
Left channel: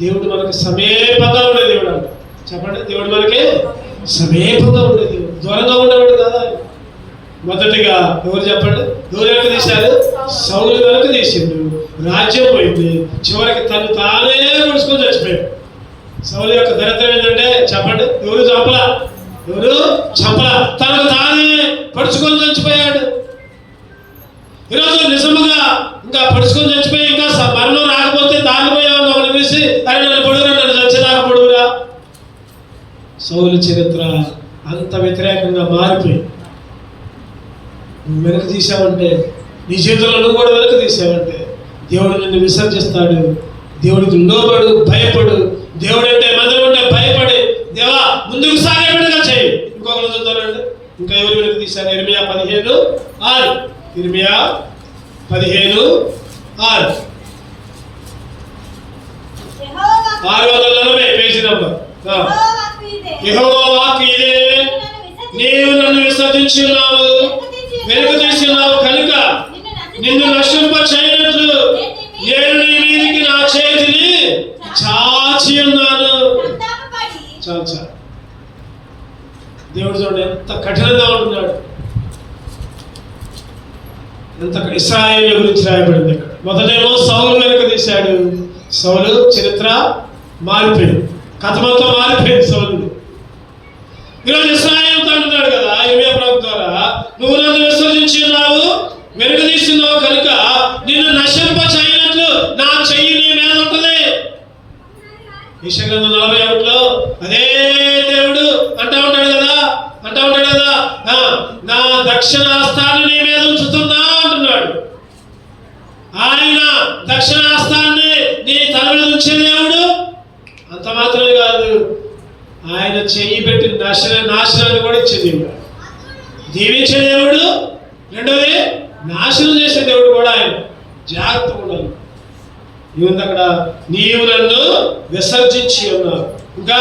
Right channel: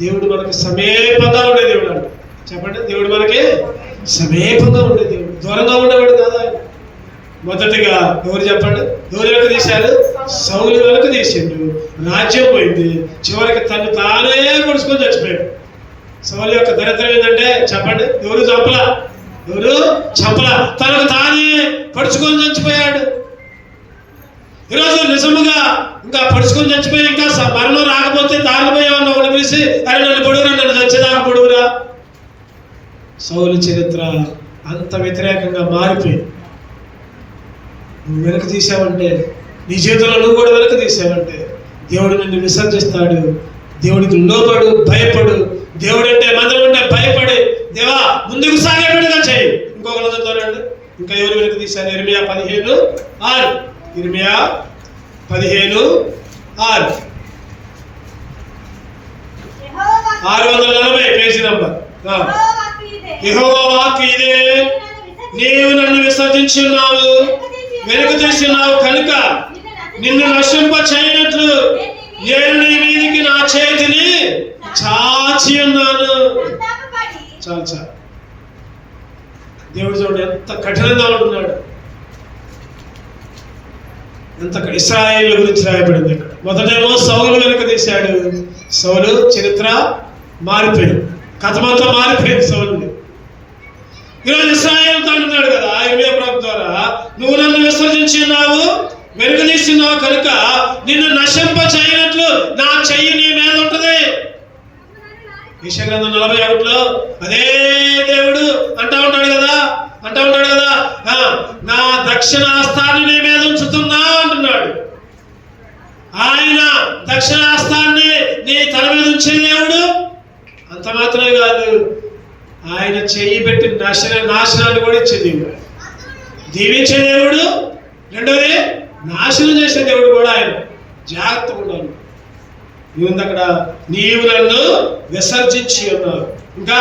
దేవుడు మనకి సమీపంగా ఉండే దేవుడు అంట. చెప్పండి, దేవుడు మనకి సమీపంగా ఉండే దేవుడు, దూరంగా ఉండేవాడు కదా. మొదటిగా ఎవరు చెప్పండి? ఎవరు వెనక తీశారు? సౌలు వెనక తీసిండు. రాజ్యం పోయింది. చివరికి తను తానే పొడుచుకొని చచ్చిపోయాడు. సౌలు యొక్క దరిద్రం ఏంటంటే చెప్పండి, ఎవరు చంపలా, ఎవరు చంపలా, తనకు తానే పొడుచుకొని చచ్చిపోయాడు. ఈరోజు నిజముగా ఇంకా పొడుచుకొని చచ్చిపోయి ఇంకా మరణం రాకపోతే దారిపోయే ఒకటి పిలిచి అరే నన్ను పొడుగురా, నన్ను చచ్చేదాకా పొడుగురా. సౌలు చరిత్ర అంత వ్యతిరేకంగా మారిపోయింది. నువ్వు వెనక తీసావంటే, నీ జీవితంలో నువ్వు కూడా వెనక తీసావంటే దేవుడు నిన్ను విసర్జిస్తాడు. దేవుడికి లోబడు, భయపడు. దేవుడు అంటే, మందిరం అంటే భయపడి దేవా ముందుకు సాగేవాడుగా చేయి. ఇంకొకరు చదువుతారండి. ఇంకా ఎవరు వెనక తీశారు? ఇర్మియా 15:6. ఇర్మియా 15:6, 640 పేజీ నంబర్. యెహోవా వాక్కు ఇదే, నీవు నన్ను విసర్జించి ఉన్నావు, వెనుక తీసి ఉన్నావు కనుక నిన్ను నశింప చేయనట్లు నేను నీ మీదికి నా చేతిని చాచి ఉన్నాను. చాలు చాలు. దేవుడు చూడండి ఎంత కఠినంగా ఉంటున్నాడు. ఎంత ఇశ్రాయేలు గురించి రాయబడింది. మొదటేమో సౌలు వెనక తీశాడు. సౌలు చరిత్ర మారిపోయింది, కథ మొత్తం మారిపోయింది సౌలుని. ఈరోజు ఇశ్రాయేలుతో అంటున్నాడు కదా ఇర్మియా ప్రవక్త ద్వారా, నువ్వు నన్ను విసర్జించి ఉన్నావు, వెనుక తీస్తున్నావు కనుక నిన్ను నశింప చేయనట్లు నా చెయ్యి నీ మీద ఉంటుంది. యెషయా 41లో అదే దేవుడు అంటూ ఉంటాడు కదా, నా దక్షిణాస్తాన్ని నీ మీద ఉంచుతున్నా అంటున్నాడు. ఆయన దక్షిణాస్తాన్ని నీ తల మీద ఉంచే దేవుడు. అంత మాత్రమే కాదు, ఆయన చెయ్యి పెట్టి నాశనాన్ని కూడా ఇచ్చే దేవుడు, దీవించే దేవుడు. రెండవది నాశనం చేసే దేవుడు కూడా ఆయన. జాగ్రత్త ఉండాలి. ఏముంది అక్కడ? నీవు నన్ను విసర్జించి ఉన్నావు, ఇంకా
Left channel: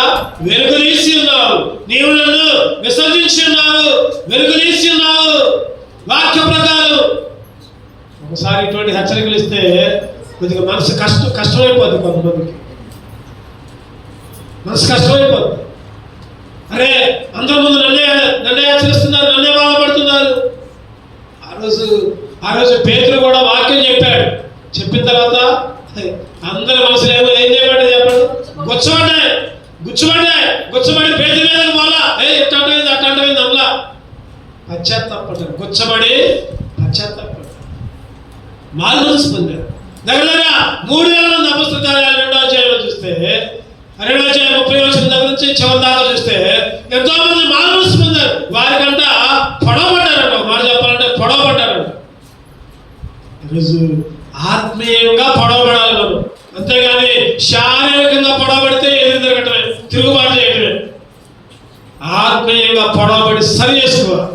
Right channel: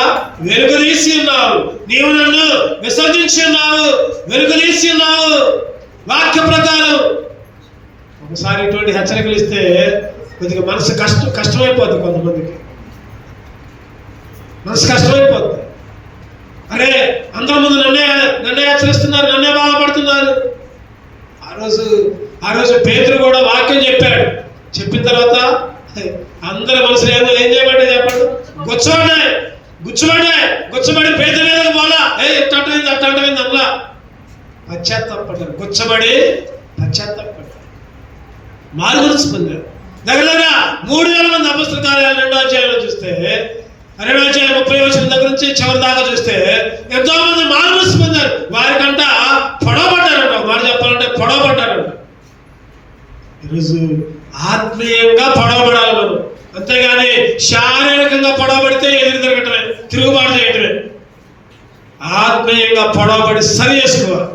వెలుగుదీసి ఉన్నావు. నీవు నన్ను విసర్జించి ఉన్నావు, వెలుగుదీసి ఉన్నావు. వాక్య ప్రకారం ఒకసారి ఇటువంటి హెచ్చరికలు ఇస్తే కొద్దిగా మనసు కష్టమైపోద్ది. కొంతమందికి మనసు కష్టమైపోద్ది. అరే అందరి ముందు నన్నే హెచ్చరిస్తున్నారు, నన్నే బాధపడుతున్నారు. ఆ రోజు పేతురు కూడా వాక్యం చెప్పాడు. చెప్పిన తర్వాత అందరి మనసులో ఏం చేయమంటే చెప్పండి, గుచ్చబడి పేతురు మీద పోలా, ఇట్టంటమైంది అట్టంటమైంది అలా పశ్చాత్తాపడ్డారు. గుచ్చబడి పశ్చాత్తాపడ్డారు. మారుమనసు పొందారు. దగ్గర 3,000 మంది అపొస్తలుల కార్యాలు 2వ అధ్యాయంలో చూస్తే 2వ అధ్యాయం 30వ వచనం దగ్గర నుంచి చివరి దాకా చూస్తే ఎంతో మంది మారుమనసు పొందారు. వారికంట పొడవబడ్డారంట. మాట చెప్పాలంటే పొడవబడ్డారంట. ఈరోజు ఆత్మీయంగా పొడవబడాలి మనం, అంతేగాని శారీరకంగా పొడవబడితే ఎదురు తిరగటమే, తిరుగుబాటు చేయటమే. ఆత్మీయంగా పొడవబడి సరి చేసుకోవాలి,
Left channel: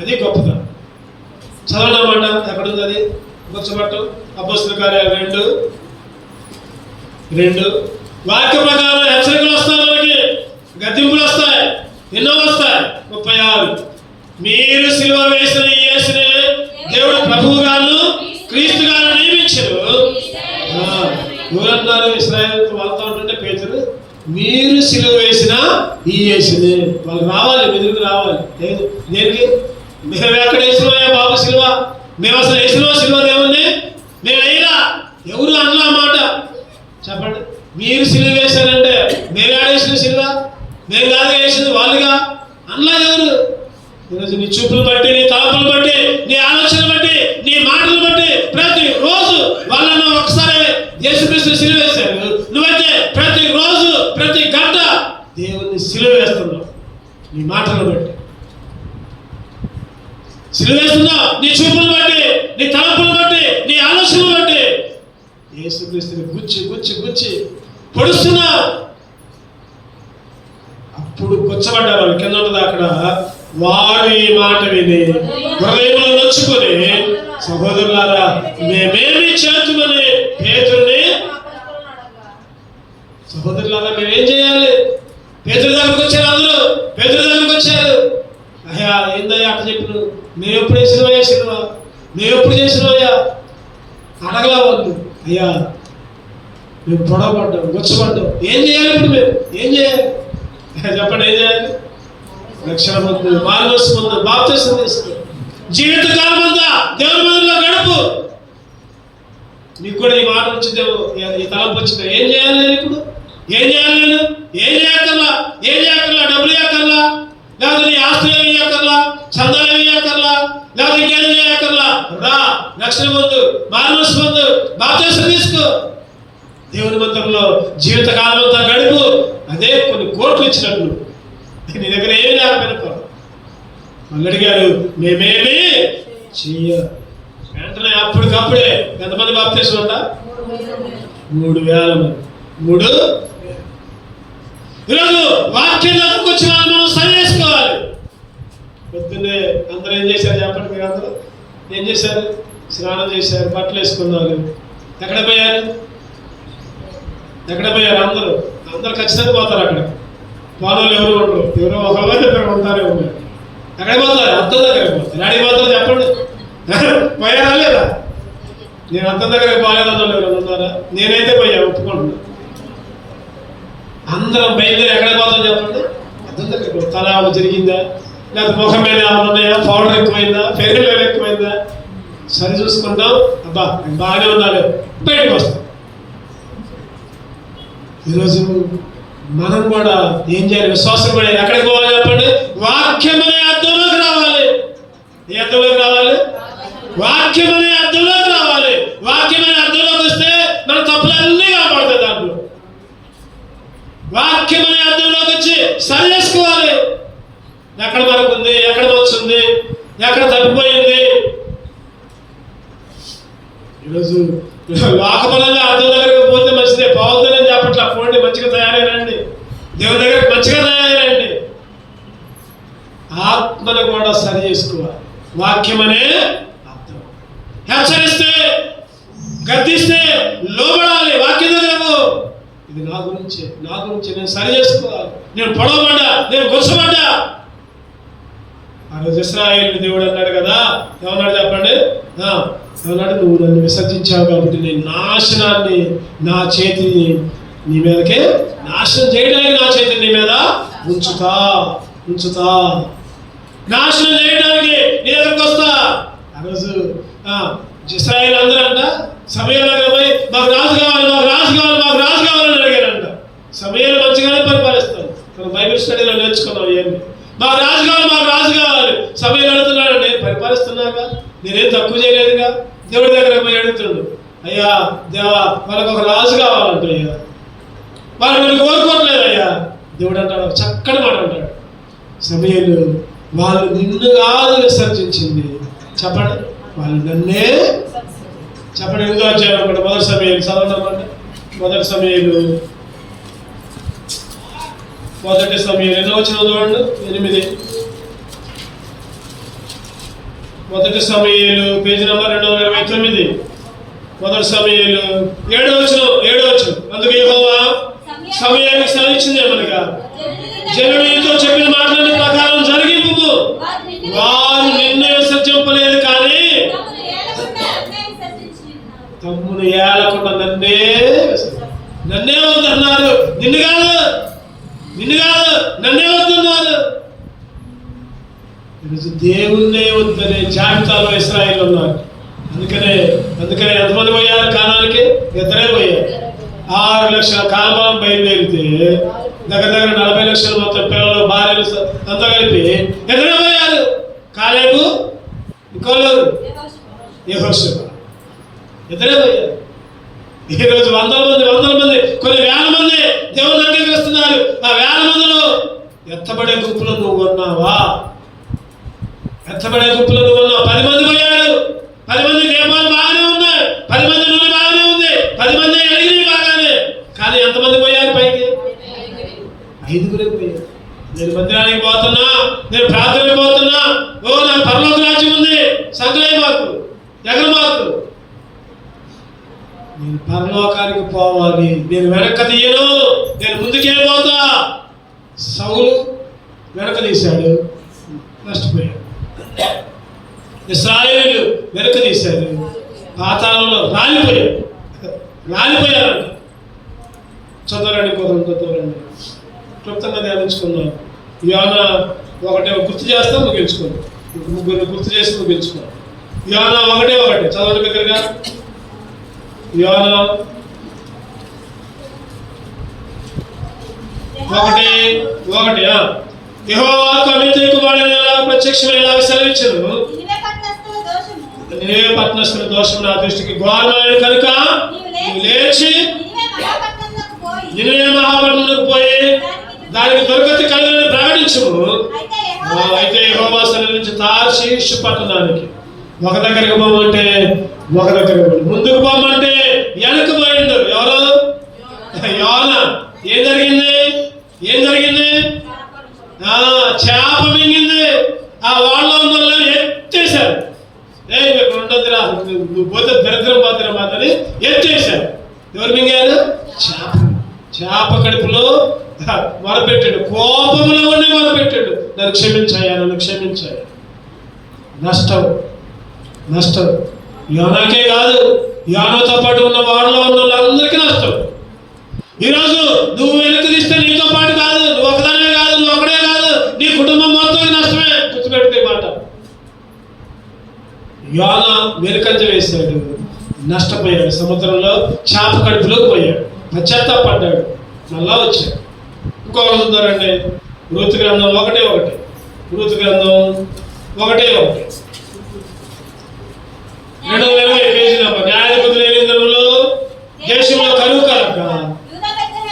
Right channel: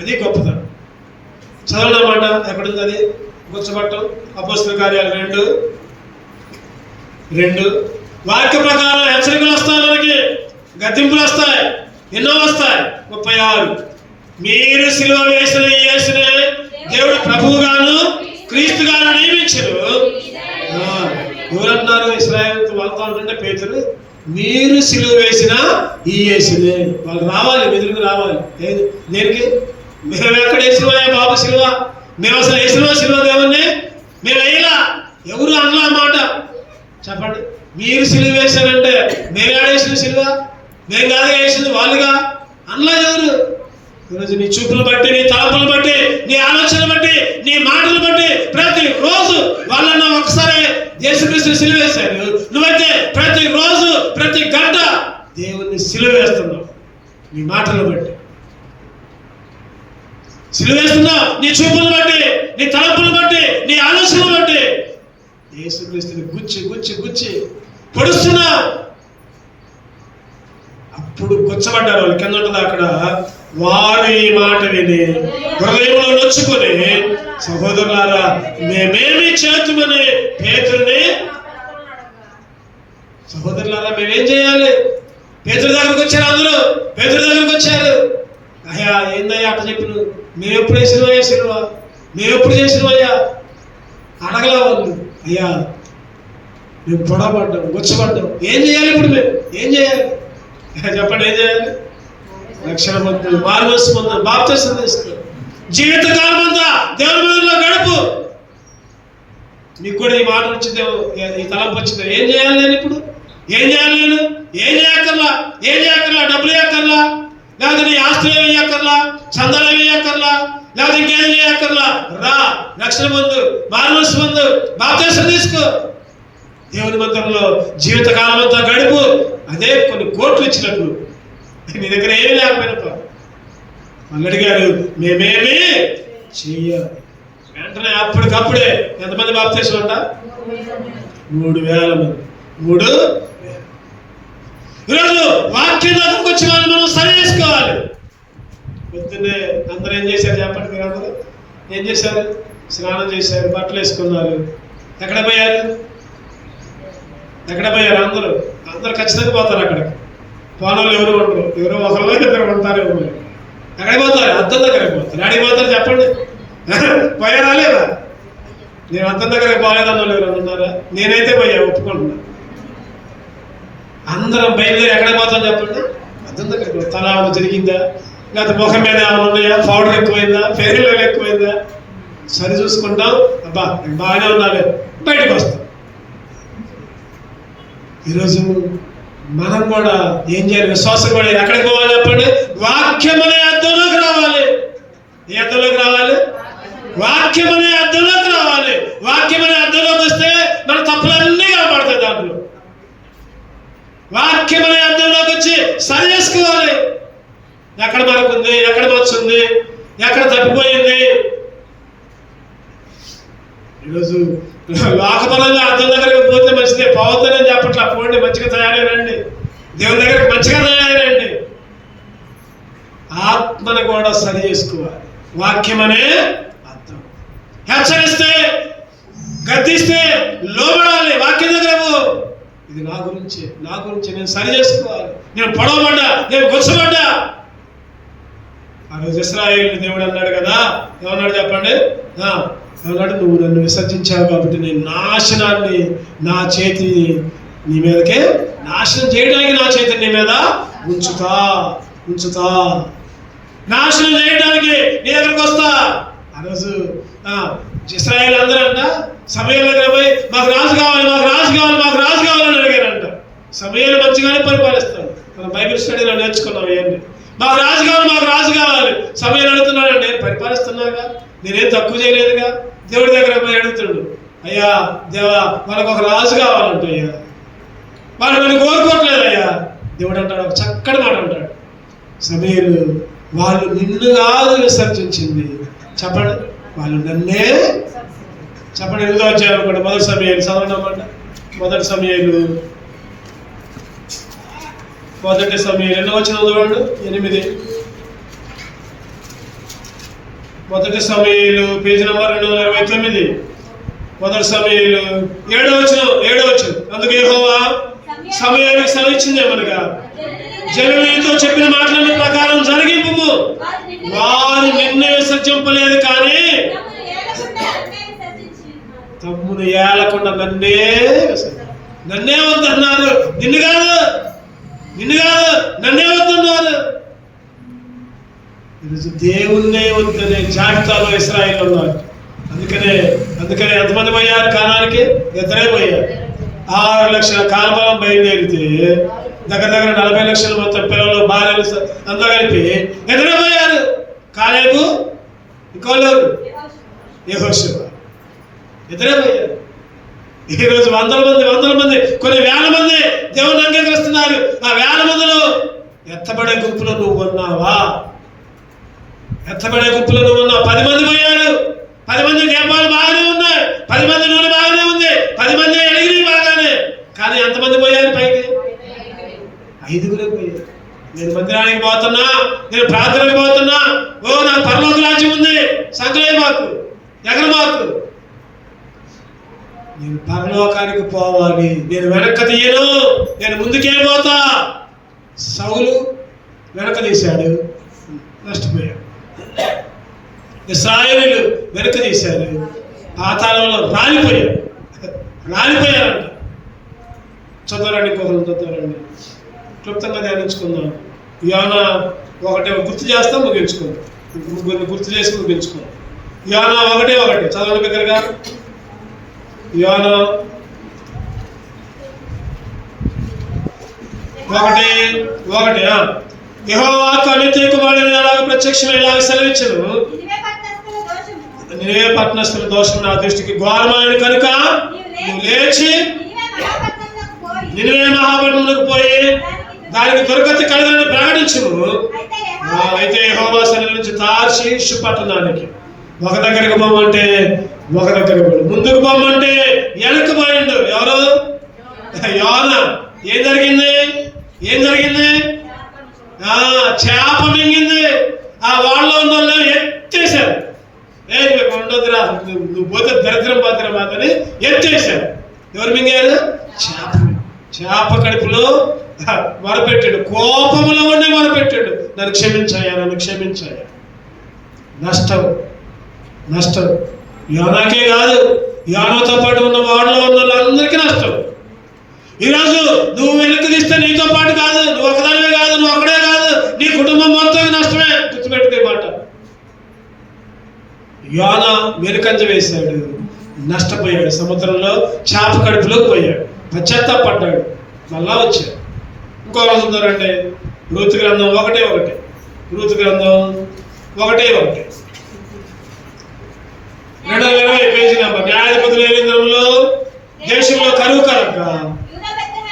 అది గొప్పతనం. చదవడం మాట ఎక్కడుంది అది గుర్తుపట్టు. అపొస్తలుల కార్యాలు 2:2 వాక్య ప్రకారం హెచ్చరికలు వస్తాయి, మనకి గద్దింపులు వస్తాయి, ఎన్నో వస్తాయి. 36 మీరు సిలువ వేసిన ఈ యేసునే దేవుడు ప్రభువుగాను క్రీస్తుగాను నియమించారు. ఎవరన్నారు ఇశ్రాయేలుతో వాళ్ళతో ఉంటుంటే పేతురు, మీరు సిలువ వేసిన ఈ యేసునే. వాళ్ళు రావాలి, మెదులుకు రావాలి. లేదు దేనికి? మేము ఎక్కడ వేసినవా బాబు సిలువ? మేము అసలు వేసినవా సిలువ దేవుణ్ణి? మేము వేయలా. ఎవరు అనలా మాట చెప్పండి. మీరు సిలువ వేశారంటే మేము ఆడేసిన సిలువ? మేము కాదు వేసింది, వాళ్ళుగా అనలా. ఎవరు? ఈరోజు నీ చూపులు బట్టి, నీ తలపులు బట్టి, నీ ఆలోచన బట్టి, నీ మాటలు బట్టి ప్రతి రోజు వాళ్ళన్నా ఒకసారి యేసుక్రీస్తు సిలువ వేశారు. నువ్వైతే ప్రతి రోజు ప్రతి గంట దేవుణ్ణి సిలువ వేస్తున్నావు. నీ మాటలు బట్టి సిలువ వేస్తున్నావు, నీ చూపులు బట్టి, నీ తలపులు బట్టి, నీ ఆలోచనలు బట్టి యేసుక్రీస్తుని గుచ్చి గుచ్చి గుచ్చి పొడుస్తున్నావు. అప్పుడు గుచ్చబడ్డ వాళ్ళు కింద ఉంటుంది అక్కడ, వారి మాట విని హృదయంలో నొచ్చుకొని సహోదరులారా మేమేమి చేతుమని పేతురుని, సహోదరులారా మేమేం చేయాలి? పేతురు దగ్గరకు వచ్చారు, అందరూ పేతురు దగ్గరకు వచ్చారు. అయ్యా ఏందయ్యా అట్లా చెప్పిన, మేము ఎప్పుడు వేసినవయ్యా సిలువ? మేము ఎప్పుడు చేసినవయ్యా? అడగలా వాళ్ళు. అయ్యా మేము పొడవబడ్డాం, గుచ్చబడ్డాం, ఏం చేయాలి ఇప్పుడు? మేము ఏం చేయాలి చెప్పండి? ఏం చేయాలి? రక్షణ పొందు, మారుమనసు పొందు, బాప్తిసం తీసుకో, జీవితకాలం అంతా దేవుని మందిరంలో గడుపు. నీకు కూడా ఈ మాట వచ్చింది, ఈ తలంపు వచ్చింది. ఏం చేయాలి నేను ఇప్పుడు? ఏం చేయాలి నేను? ఏం చేయక్కర్లా, ఏం చేయక్కర్లా, డబ్బులు చేయక్కర్లా, లేకపోతే నీ ఆస్తులు ఏమి చేయక్కర్లా, చందాలు ఏమి చేయక్కర్లా, లేకపోతే ఇంకేం చేయక్కర్లా. రా, రక్షణ పొందు, మారుమనసు పొందు, బాప్తిసం తీసుకో, దేవుని మందిరంలో జీవితకాలం అంతా గడుపు. అదే కొన్ని కోట్లు ఇచ్చినప్పుడు నీ దగ్గర ఏమి లేకపోయినప్పుడు వాళ్ళు అడిగారు మేమేమి చెయ్యాలి. వెంటనే అప్పటికప్పుడే ఎంతమంది బాప్తిసం అంట? 3,000 మంది. 3,000. ఈరోజు వాక్యం దగ్గరకు వచ్చి వాళ్ళు మనం సరి చేసుకోవాలి. పొద్దున్నే అందరూ ఏం చేశారు చెప్పండి? మీరు అందరూ ఏం చేశారు? స్నానం చేశారు, బట్టలు వేసుకున్నారు. ఎక్కడ పోయారు? ఎక్కడ పోయారు? అందరూ ఖచ్చితంగా పోతారు. అక్కడ పోనోళ్ళు ఎవరు ఉండరు, ఎవరో ఒకళ్ళు ఇద్దరు ఉంటారు. ఎవరు ఎక్కడికి పోతారు? అద్దం దగ్గరికి పోతారు. ఎక్కడికి పోతారు చెప్పండి? పోయారా లేదా? నేను అద్దం దగ్గరికి పోలేదని ఎవరు ఉన్నారా? నేనైతే పోయా, ఒప్పుకుంటున్నా. అందరం బయలుదేరి ఎక్కడికి పోతాం చెప్పండి? అద్దం దగ్గరికి. తల జరిగిందా, లేకపోతే ముఖం మీద ఏమైనా ఉన్నాయా, పౌడర్ ఎక్కువైందా, ఫెయిర్ లవ్లీ ఎక్కువైందా, సరి చూసుకుంటాం. అబ్బా బాగానే ఉన్నాను, బయటకు వస్తాం. ఈరోజు మనం కూడా ఏం చేయాలి? విశ్వాసం కూడా ఎక్కడికి పోవాలి చెప్పండి? వాక్యం అనే అర్థంలోకి రావాలి. ఏ అర్థంలోకి రావాలి? వాక్యం అనే అర్థంలోకి రావాలి. వాక్యం అనే అర్థంలోకి వస్తే మన తప్పులన్నీ కాపాడుతాయి. దాంట్లో వాక్యం అనే అర్థంలోకి వచ్చి సరి చేసుకోవాలి. ఎక్కడ మరొకుంది, ఎక్కడ వచ్చింది, ఎక్కడ తప్పిపోయింది. ఈరోజు లోకపరంగా అర్థం దగ్గరికి పోతే మంచిదే, పోవద్దని చెప్పట్లా. పోండి, మంచిగా తయారైనండి, దేవుని దగ్గరికి మంచిగా తయారైనండి. ఆత్మను కూడా సరి చేసుకోవాలి. వాక్యం అనే అర్థం. హెచ్చరిస్తే, గద్దిస్తే లోబడాలి. వాక్యం దగ్గరకు ఇది నా గురించి నేను సరి చేసుకోవాలి. నేను పొడవబడ్డా, నేను గుచ్చబడ్డా. ఆ రోజు ఇశ్రాయేలు దేవుడు అన్నాడు కదా, ఏమన్నాడు చెప్పండి? ఏమన్నాడు? నువ్వు నన్ను విసర్జించావు కాబట్టి నేను నాశనాన్ని, నా చేతిని నీ మీదకే, నాశనం చేయడానికి నా చేతిని నీ మీద ఉంచుతా, నాశనం చేయడానికి నీ దగ్గరకు వస్తా. ఆ రోజు ఇశ్రాయేలు అందరూ అంట సమయంలో పోయి మాకు రాజు కావాలి అని అడిగారంట. సమయాలు మంచిగానే పరిపాలిస్తాడు. మనం బైబిల్ స్టడీలో నేర్చుకున్నాం. ఏంటి? మాకు రాజు కావాలి సమయం అడుగుతున్నాడు. నేను పరిపాలిస్తున్నాగా, నేనేం తక్కువ చేయలేదుగా, దేవుడి దగ్గర పోయి అడుగుతాడు, అయ్యా దేవా మనకు ఒక రాజు కావాలంటే అయ్యా, వాళ్ళు మీరు కోరుకోవట్లేదు అయ్యా. దేవుడు అంటాడు, ఒక చక్కటి మాట అంటాడు, సమూయేలు వాళ్ళు నిన్ను కాదు విసర్జించింది, చెప్పండి వాళ్ళు నన్నే. చెప్పండి, ఎందుకు వచ్చారు అనుకోండి. మొదటి సమూయేలు చదవండి. మొదటి సమూయేలు ఎన్నో వచ్చిన చూడండి, 8. మొదటి సమూయేలు పేజీ నంబర్ 229. మొదటి సమూయేలు 7వ వచనం. అందుకు యెహోవా సమూయేలుకు సెలవిచ్చింది ఏమనగా, జనులతో చెప్పిన మాటల ప్రకారం జరిగింపు, వారు నిన్ను విసర్జింపలేదు కానీ తమ్మును ఏలకుండా నన్నే వద్దన్నారు. నిన్ను కాదు నన్నే వద్దన్నారు. ఈరోజు దేవుణ్ణే వద్దనే జాబితాలో ఇశ్రాయేలు ఉన్నారు. అందుకనే ఎంతమంది పోయారు కానానికి? 2 పోయారు. 6 లక్షల కాలం బయలుదేరితే దగ్గర 40 లక్షలు మొత్తం పిల్లలు భార్యలు అంతా కలిపి 2 పోయారు. కాలేబు, ఇంకోళ్ళు యెహోషువ, 2 పోయారు. ఈరోజు వందల మంది కొన్ని వేల మంది దేవుని అంగీకరిస్తున్నారు. ఆ వేల మందిలో ఎత్తబడే గుంపులో నువ్వు ఉన్నావా? 10 మంది పోయారు. 10 మంది దీపాలు బాగానే ఉన్నాయి, 10 మంది నూనె బాగానే ఉంది, 10 మంది ఎగిరి బాగానే. కానీ ఎంతమంది పోయారు పైకి? 5 పోయారు. నేను మందిరానికి పోతున్నా, నేను ప్రార్థనకు పోతున్నా, నాకు పరలోక రాజ్యం ఉంది, సంకలే మాకు ఎగర మాకు, నేను పరలోకానికి పోవాలి, నేను వెనక్కి తీయను, నేను ముందుకే పోతా. సౌలు వెనక తీశాడు, నష్టపోయాడు. ఇశ్రాయేలీయులు వెనక తీశారు, పాతాళంలో రాలిపోయారు. చదవరండి, క్లుప్తంగా ధ్యానించుకుందాం. యోనా 1 గుర్తు చేస్తాం, ముగించుకుందాం. ముగ్గురిని గుర్తు చేసి ముగించుకుందాం. యోనా 1 చదవండి దగ్గరగా. యోనా 1:1 యెహోవాకు అమిత్తయి కుమారుడైన ప్రత్యక్షమైన సెలవిచ్చెను, నినివే పట్టణస్థుల దోషం నా దృష్టికి ఘోరమైన కనుక నీవు లేచి నినివే మహాపట్టణమునకు పోయి దానికి దుర్గతి కలదని ప్రకటించుము. అయితే యెహోవా సెలవిచ్చి తార్షీషు పట్టణానికి ఒక దగ్గరకు పోమంటే ఒక దగ్గర ముందుకు పోమంటే వెనక్కి పోయిండు. ఎవరు? యోనా. ఏం జరిగింది? చేప మింగింది. ఆ వాళ్ళలో ఉన్న వాళ్ళు ఎత్తేశారు. ఉండదురా, నువ్వు పోతే దరిద్రం మాత్రమే ఎత్తేశారు. ఎవరు మింగారు? చేప కడుపులో మొరపెట్టాడు, కోపంలో ఉండి మొరపెట్టాడు, నన్ను క్షమించాయా. నష్టం. యోనాకే కాదు, యోనాతో పాటు ఉన్న వాళ్ళలో ఉన్న వాళ్ళందరికీ నష్టం. ఈరోజు నువ్వు వెనక్కి తీస్తే నీతో పాటు కాదు, నువ్వు ఒకదానే కాదు, నువ్వు ఒకడే కాదు, నీ కుటుంబం మొత్తం నష్టమే. గుర్తుపెట్టుకే మాట. యోనా వెనుకంజ వేశాడు, నష్టపోయాడు. సముద్రంలో చేప కడుపులోకి పోయాడు, పశ్చాత్తాపడ్డాడు, మళ్ళా వచ్చాడు. ఇంకో రోజు ఉందారంటే రూతు గ్రంథం 1:1. రూతు గ్రంథం 1:1 220 పేజీ నెంబర్. న్యాయాధిపతుల గ్రంథంలో దేశంలో కరువు కలక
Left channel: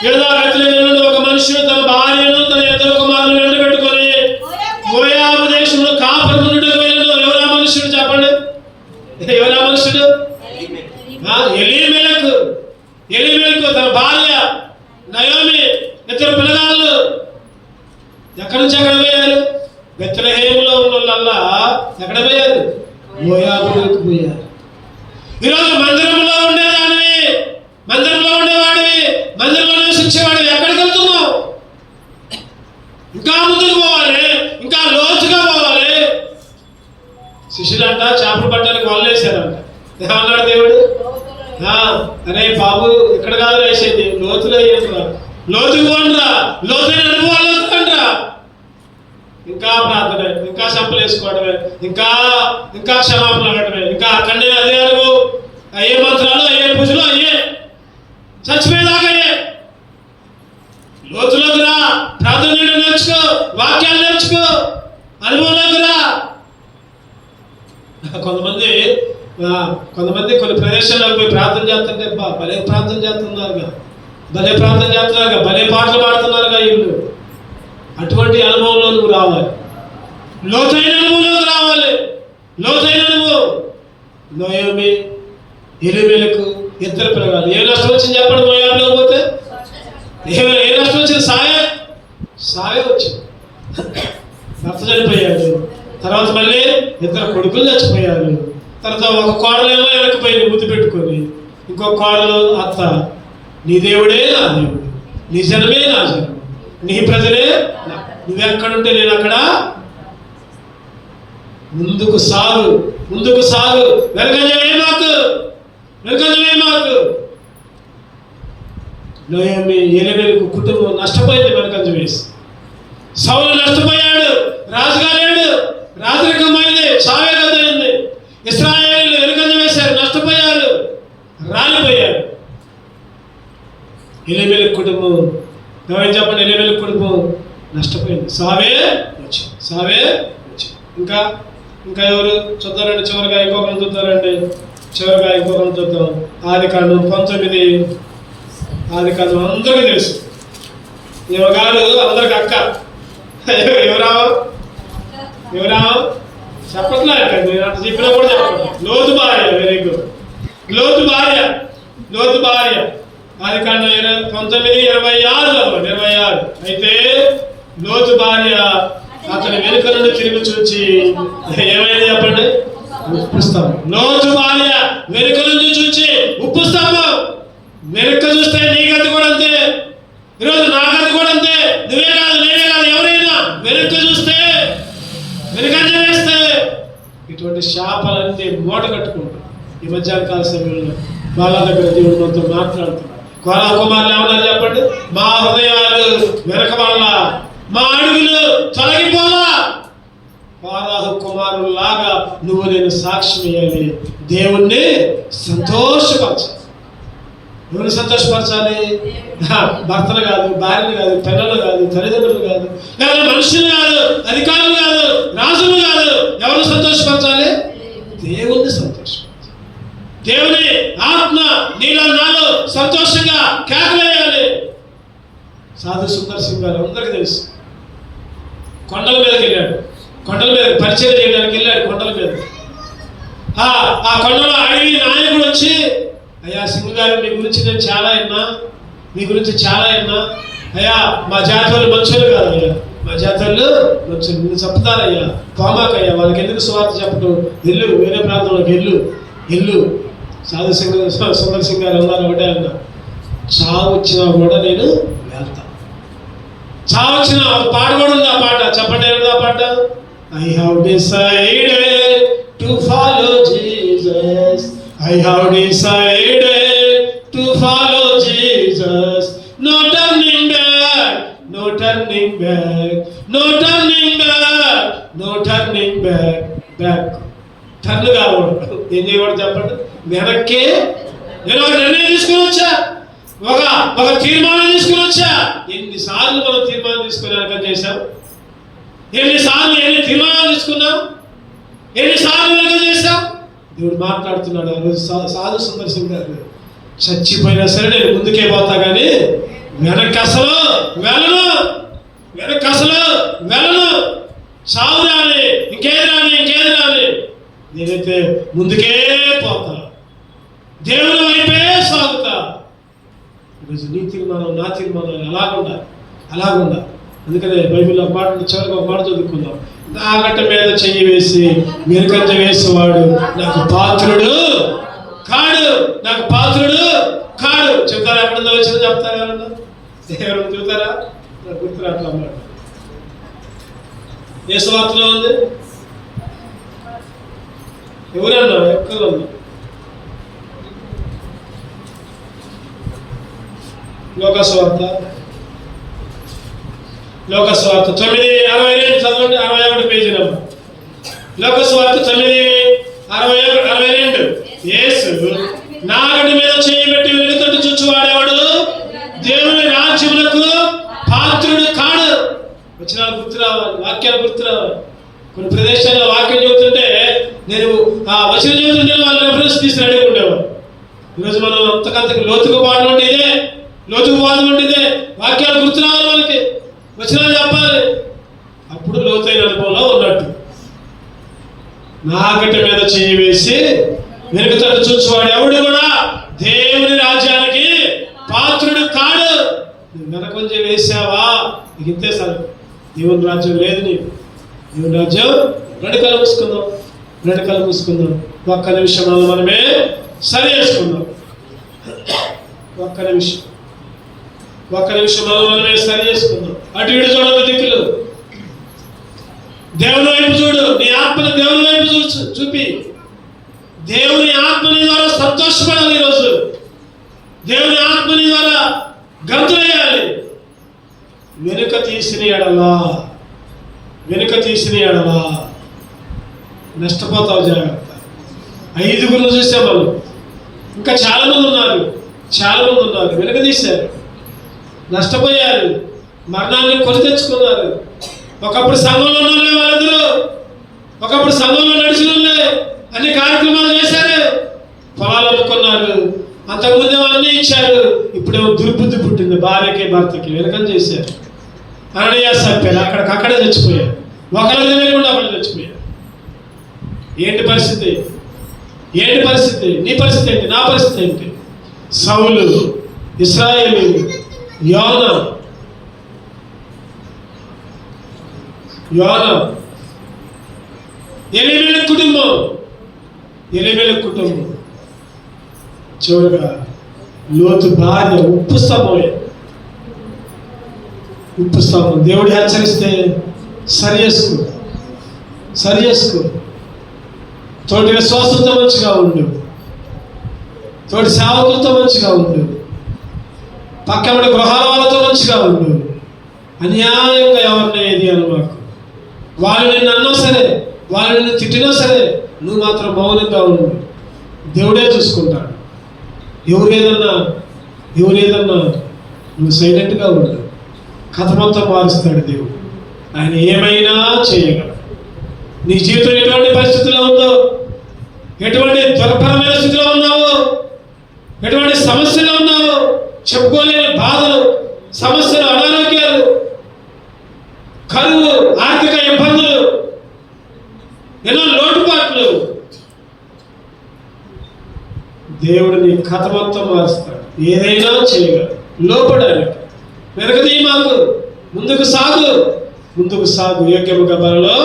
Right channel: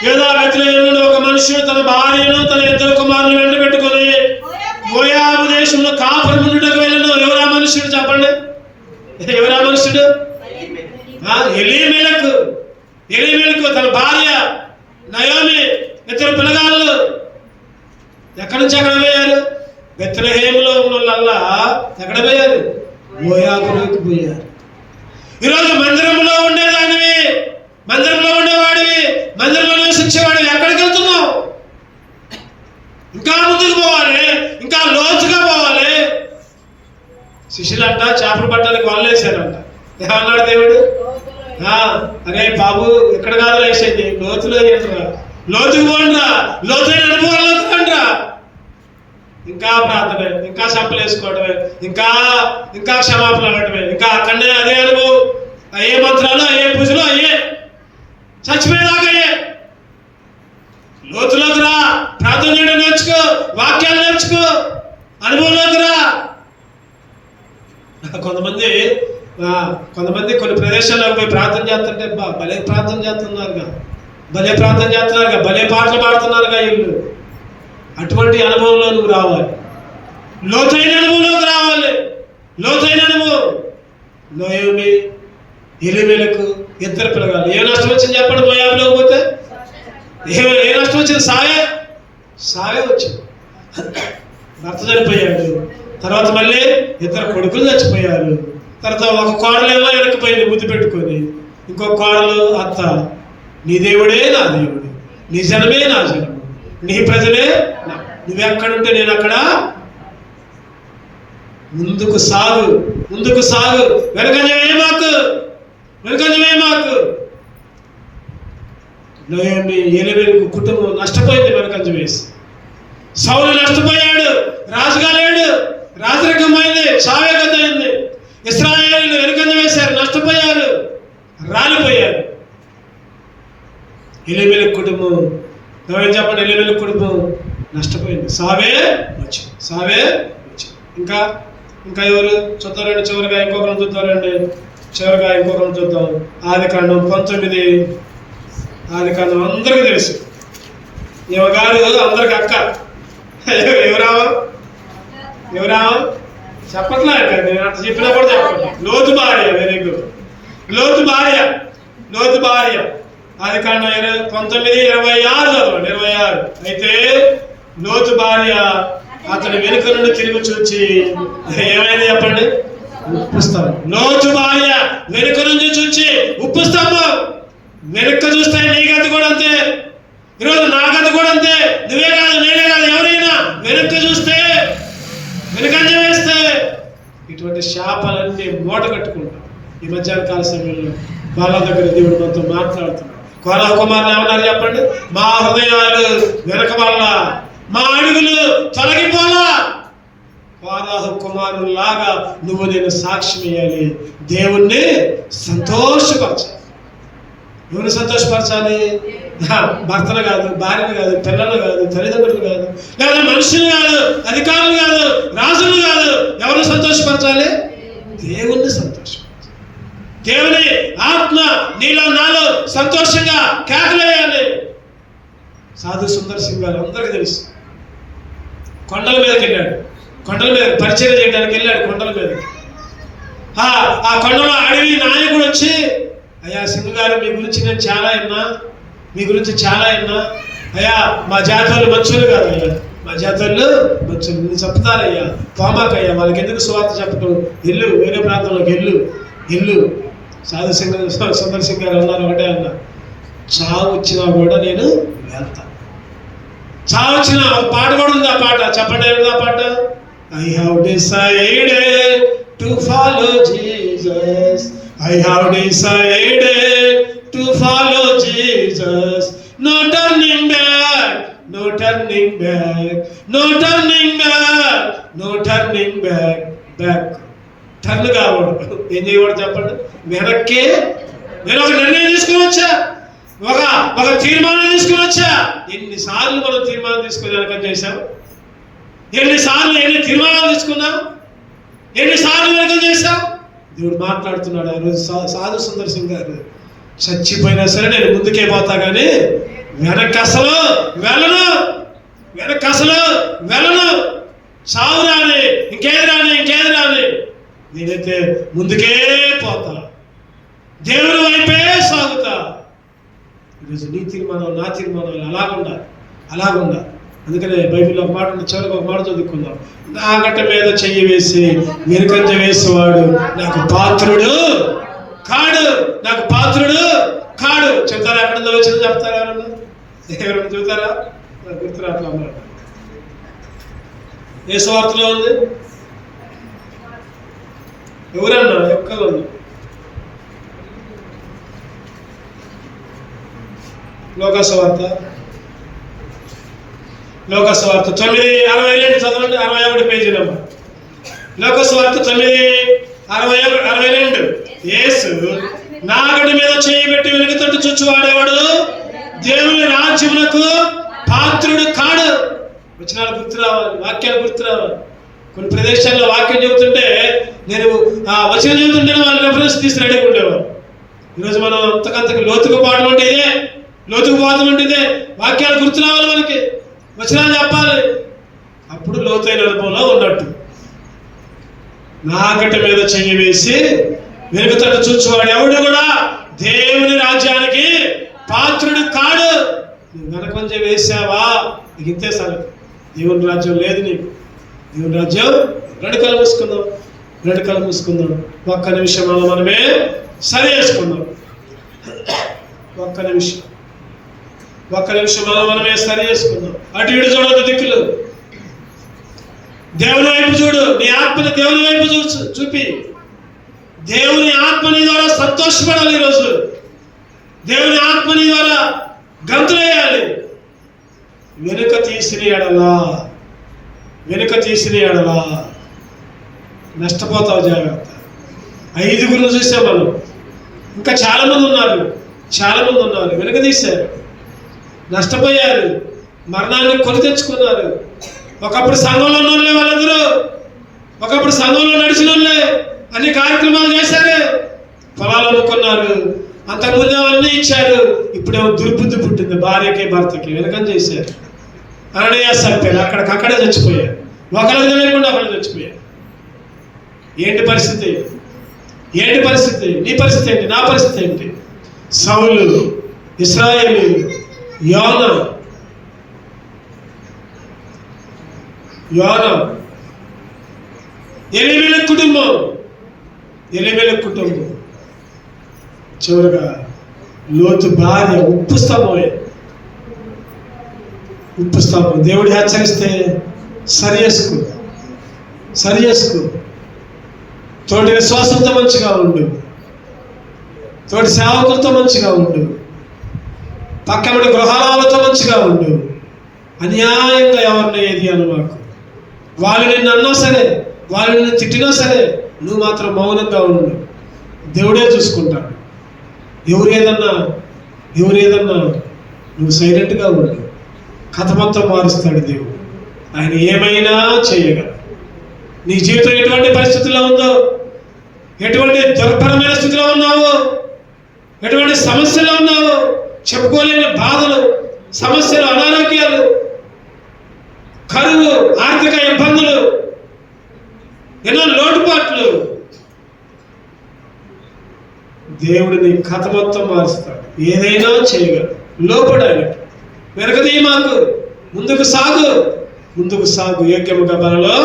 యూదా బెత్లెహేములో ఒక మనుషుడు తన భార్యను తన 2 కుమారులను వెంట పెట్టుకొని మోయాబు దేశంలో కాపురముండుటకు వెళ్ళెను. ఎవరా మనుషుడు? చెప్పండి, ఎవరా మనుషుడు? ఎలీమెలకు తన భార్య నయోమి, 2 పిల్లగాళ్ళు. ఎక్కడి నుంచి ఎక్కడ పోయారు? బెత్లెహేములో ఉన్న వాళ్ళల్లా ఎక్కడ పోయారు? మోయాబులోకి పోయారు. ఈరోజు మందిరంలో ఉండేదానివి, మందిరంలో ఉండేవాడివి, మందిరంలో నివసించేవాడివి, ఎక్కడికి వెళ్తున్నావు? ఇంకా ముందుకు పోవాలి, ఇంకా లోతుగా పోవాలి. శిష్యులంట చేపలు పట్టడానికి వాళ్ళు వేసారంట. ఏమన్నాడు దేవుడు? అరే బాబు, ఇక్కడ కాదు వేసేది, లోతులో వేయరా, లోతుకు పోండిరా, లోతైన అనుభవాల్లోకి రండిరా. ఇంకా ప్రార్థన, ఇంకా సంపలు వేసుకోవడమే, ఇంకా క్షమాపణ అడగడమే, ఇంకా అక్కడనే అదే అనుభవం. అయ్యే మంత్రాలు, అయ్యే పూజలు, అయ్యే చచ్చిపోయేదాకా అయ్యే. లోతులోకి రా, ప్రార్థన చేయడం నేర్చుకో, వాక్యాలు నేర్చుకో, అనుభవంలోకి రా. కొంతమంది కొంతమంది కొన్ని ప్రదేశాలకు పోయి ప్రార్థన చేస్తుంటే భలే ప్రార్థన చేస్తున్నారుగా, భలే ప్రార్థన చేస్తున్నారుగా, భలే పాటలు పాడుతున్నారుగా వీళ్ళు. అటువంటి అనుభవంలో నువ్వు రావాలి, లోతైన అనుభవంలోకి రావాలి. లోతైన అనుభవం. నోయోమి ఎలిమెలకు ఇద్దరు పిల్లగాలు. ఏ నష్టం వచ్చింది చెప్పండి? మోయాబులో పోతే ఏ నష్టం వచ్చింది? సాగే వచ్చింది. భర్త చనిపోయాడు, తర్వాత మళ్ళీ ఇద్దరు కొడుకులు చచ్చిపోయారు. తర్వాత ఒక కోడలేమో వెనక్కిపోయింది ముద్దు పెట్టుకొని, ఇంకో కోడలు అత్త నీ దేవుడే నా దేవుడు, నీ జనమే నా జనము, నీ ప్రజలే నువ్వెక్కడుంటే నేను అక్కడ. ముందుకు సాగు, ముందుకు సాగు, వెనకంజమే మాకు, వెనకంజమే మాకు. నోయోమి ఎలిమెలకు కుటుంబం నష్టపోయింది. వెనకంజం వేసి సౌలు నష్టపోయాడు, రాజుగా లేడు, రాజరికమైంది, చావే కథయింది. ఇశ్రాయేలీయులు వెనుకంజ వేశారు, నష్టపోయారు, రాలిపోయారు. ఎలిమెలకు కుటుంబం, ఏం చెప్పండి, ఎలిమెలకు కుటుంబం నష్టపోయింది. సావే వచ్చింది. ఇంకా ఇంకా ఎవరు చూద్దారండి? చివరిగా ఇంకొకరు చూద్దారండి. చూద్దాం. ఆదికాండం 19. ఆదికాండం అందరికీ తెలుసు. ఈమె గారు అందరికి అక్క. ఎవరా చెప్పట్లే, నేను అంత చెప్పినా కూడా చెప్పండి. లోతు భార్య. Very good. లోతు భార్య. ఆదికాండం 19:26 చదవండి. 26. అయితే లోతు భార్య అతని వెనుక నుండి తిరిగి చూచి ఏమైనా చెప్పండి? ఉప్పు స్తంభం. లోతు భార్య వెనుక నుంచి చూచి ఉప్పు స్తంభం. వెనుక చూస్తే నీ గతి కూడా అంతే, ఈరోజు నా గతి కూడా అంతే. నువ్వే కాదు, నేనే కాదు, ఎవరైనా వెనుక చూస్తే, వెనుకంజ వేస్తే ఇటువంటి శాపాలన్నీ మూట కట్టుకుంటాం. ఈ మధ్యాహ్న కాల సమయంలో వాళ్ళ దగ్గర దేవుడు మనతో మాట్లాడుతున్నాడు. కోరా కుమారులు ఏమన్నారు చెప్పండి? మా హృదయాలు వెనక వాళ్ళ, మా అడుగులు తొలగిపోలా. ఫారాహు కుమారులాగా నువ్వు నేను సాక్ష్యం ఇవ్వాలి, దేవుణ్ణి సంతోషపరచాలి. ఎవరు సంతోషపరచాలి? భర్తలు కాదు, భార్యలు కాదు, పిల్లలు కాదు, తల్లిదండ్రులు కాదు, లేదా మనుషులు కాదు, అధికారులు కాదు, రాజులు కాదు. ఎవరు సంతోషపరచాలి? దేవుణ్ణి సంతోషపరచాలి. దేవుని ఆత్మ నీలో నాలో సంతోషంగా కేకలేయాలి. సాధు సుందర్ సింగ్ గారు అందరికీ తెలుసు. కొండల మీదకి వెళ్ళాడు, కొండల మీద పరిచయం చేయడానికి వెళ్ళాడు. కొండల మీద ఆ కొండలో అడవి నాయకుడు వచ్చి, అయ్యా సింగ్ గారు మీ గురించి నేను చాలా విన్నా, మీ గురించి చాలా విన్నా. అయ్యా మా జాతరలు మంచులు కాదు, అయ్యా మా జాతరలు మంచులు, నేను చెప్తానయ్యా, పోమాకయ్యా, వాళ్ళకి ఎందుకు సువార్త చెప్పడం, వెళ్ళు వేరే ప్రాంతంలోకి వెళ్ళు. సాధు సుందర్ సింగ్ గారు అన్నారు, ఒకటే అన్నా, చావు వచ్చినా కూడా నేను వెళ్తాను. చావు వచ్చిన ఒక పాట కూడా ఉంది. ఆ పాట చెప్పండి, ఆ పాట. I have decided to follow Jesus. I have decided to follow Jesus. No turning back, no turning back, no turning back, no turning back. Turn కావడం ఏం చేయకూడదు చెప్పండి? వెనక్కి. నేను ఒక నిర్ణయం తీసుకుని వచ్చా, ఒక తీర్మానం తీసుకుని వచ్చా. ఎన్నిసార్లు మనం తీర్మానం తీసుకుని వెనక చేశాం? ఎన్నిసార్లు ఎన్ని తీర్మానాలు తీసుకున్నాం? ఎన్నిసార్లు వెనక చేశాం? దేవుడు మాట్లాడుతున్నాడు. సాధు సుందర్ సింగ్ గారు, చచ్చిపోయినా సరే నేను ముందుకే పోతా కానీ వెనక్కి అసలు వెళ్ళను. చావు రాని, ఇంకేది రాని, నేనైతే ముందుకే పోతా, దేవుని వైపే సాగుతా. ఈరోజు నీ తీర్మానం, నా తీర్మానం అలాగుండా. అందుకనే బైబిల్లో ఒక మాట, చివరికి ఒక మాట చదువుకుందాం. నా గట్ట మీద చెయ్యి వేసి వెనుకంజ వేసేవాడు నాకు పాత్రుడు కాడు. చెప్తారా? ఎక్కడ వచ్చింది చెప్తారా? ఎవరైనా చూస్తారా? గుర్తురాట్లా మాట. ఏ స్వార్థలో ఉంది? ఎవరన్నా ఎక్కలు ఉంది? లోకస్వార్త 9:62 చదవండి. 61 పేజీ నెంబర్. లోకస్వార్త 9:62. యేసు నాగటి మీద చేయి పెట్టి వెనుకతట్టు చూచువాడేవాడు దేవుని రాజ్యములకు పాత్రుడు కాడు. వచనాలు గుర్తు రావాలి, వాక్యాలు గుర్తు రావాలి. కొన్ని ప్రదేశాల్లో వాక్యం చెబుతుంటే నేను ఆ వచనం చదువుతుంటే వాళ్ళు రెఫరెన్స్ తీసి రెడీ ఉండేవారు. ఈరోజు మనం అంతకంతకు లోతుకు పాటలు అంటే ఇదే, లోతుకు పాటలు అంటే ఇదే, వాక్యాలు గుర్తు రావాలి, మనకి వచనాలు చెప్పాలి. అప్పుడు లోతైన అనుభవంలో ఉన్నట్టు. నాగటి మీద చెయ్యి వేసి వెనుకతట్టు చూసేవాడు ఎవడు కూడా దేవుని రాజ్యానికి పాత్రుడు కాడు. నువ్వు వెనకొంచెం వేసావా, నీకు ఇంతే సార్. దేవుని రాజ్యం లేదు నీకు. దేవుని రాజ్యం రెండు కళ్ళు మూసుకుందాం. ఒక్క నిమిషం మనమే సరి చేసుకుందాం. ఒక్క నిమిషం మనమే సరి చేసుకుందాం. అటు ఇటు చూడదు దిక్కులు. దేవుని వైపు చూడు. నీ ఆత్మను దేవుని వైపు చూపి దేవుని ఆత్మని ద్వారా సంతోషపడాలి. ఈరోజు దేవుని ఆత్మని ద్వారా గంతులేయాలి. వెనుక తీసిన ఎడలా నష్టపోతావు, జాగ్రత్త. 5 చూసాం మనం. ఇంకా చాలా మంది ఉన్నారు వెనుక తీశారు, నష్టపోయారు, మరణాన్ని కొని తెచ్చుకున్నారు. ఒకప్పుడు సంఘంలో ఉన్న వాళ్ళందరూ, ఒకప్పుడు సంఘంలో నడిచిన అన్ని కార్యక్రమాలు చేశారు, పొలాలు అమ్ముకున్నారు, అంతకుముందు అన్నీ ఇచ్చారు. ఇప్పుడేమో దుర్బుద్ధి పుట్టింది భార్యకి భర్తకి, వెనకని చేశారు. అనడయ్య సత్యాలు అక్కడే చచ్చిపోయారు. ఒకరికి తెలియకుండా ఒకళ్ళు చచ్చిపోయారు. ఏంటి పరిస్థితి? నీ పరిస్థితి ఏంటి? నా పరిస్థితి ఏంటి? సౌలు, ఇశ్రాయేలు, యోనా, ఎలీమెలెకు కుటుంబం, చివరిగా లోతు భార్య ఉప్పు స్తంభం. దేవుడు హెచ్చరిస్తే సరి చేసుకో. తోటి విశ్వాసంతో మంచిగా ఉండు, తోటి సేవకులతో మంచిగా ఉండు, పక్కన గృహాలతో మంచిగా ఉండు. అన్యాయంగా ఎవరిని ఏది అనుమాకు. వాళ్ళు నిన్ను అన్నా సరే, వాళ్ళు నిన్ను తిట్టినా సరే, నువ్వు మాత్రం మౌనంగా ఉండు. దేవుడే చూసుకుంటాడు. ఎవరు ఏదన్నా నువ్వు సైలెంట్గా ఉండు. కథ మొత్తం మారుస్తాడు దేవుడు. ఆయన ఏమైనా చేయగలడు. నీ జీవితం ఎటువంటి పరిస్థితిలో ఉందో, ఎటువంటి దుర్భరమైన స్థితిలో ఉన్నావో, ఎటువంటి సమస్యలో ఉన్నావో, చెప్పుకోలేని బాధలు, సమస్యలు, అనారోగ్యాలు, కరువు, ఆర్థిక ఇబ్బందులు, ఎన్నో లోటుపాట్లు, దేవుడు నీ కథ మొత్తం మారుస్తాడు. ఏదైనా చేయగలడు. లోపడాలి. వెనకది మాకు ముందుకు సాగు యోగ్యముగా బలలో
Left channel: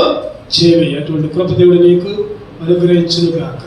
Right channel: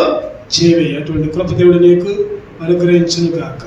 చేయి. అటువంటి కృప దేవుడు నీకు అనుగ్రహించును గాక.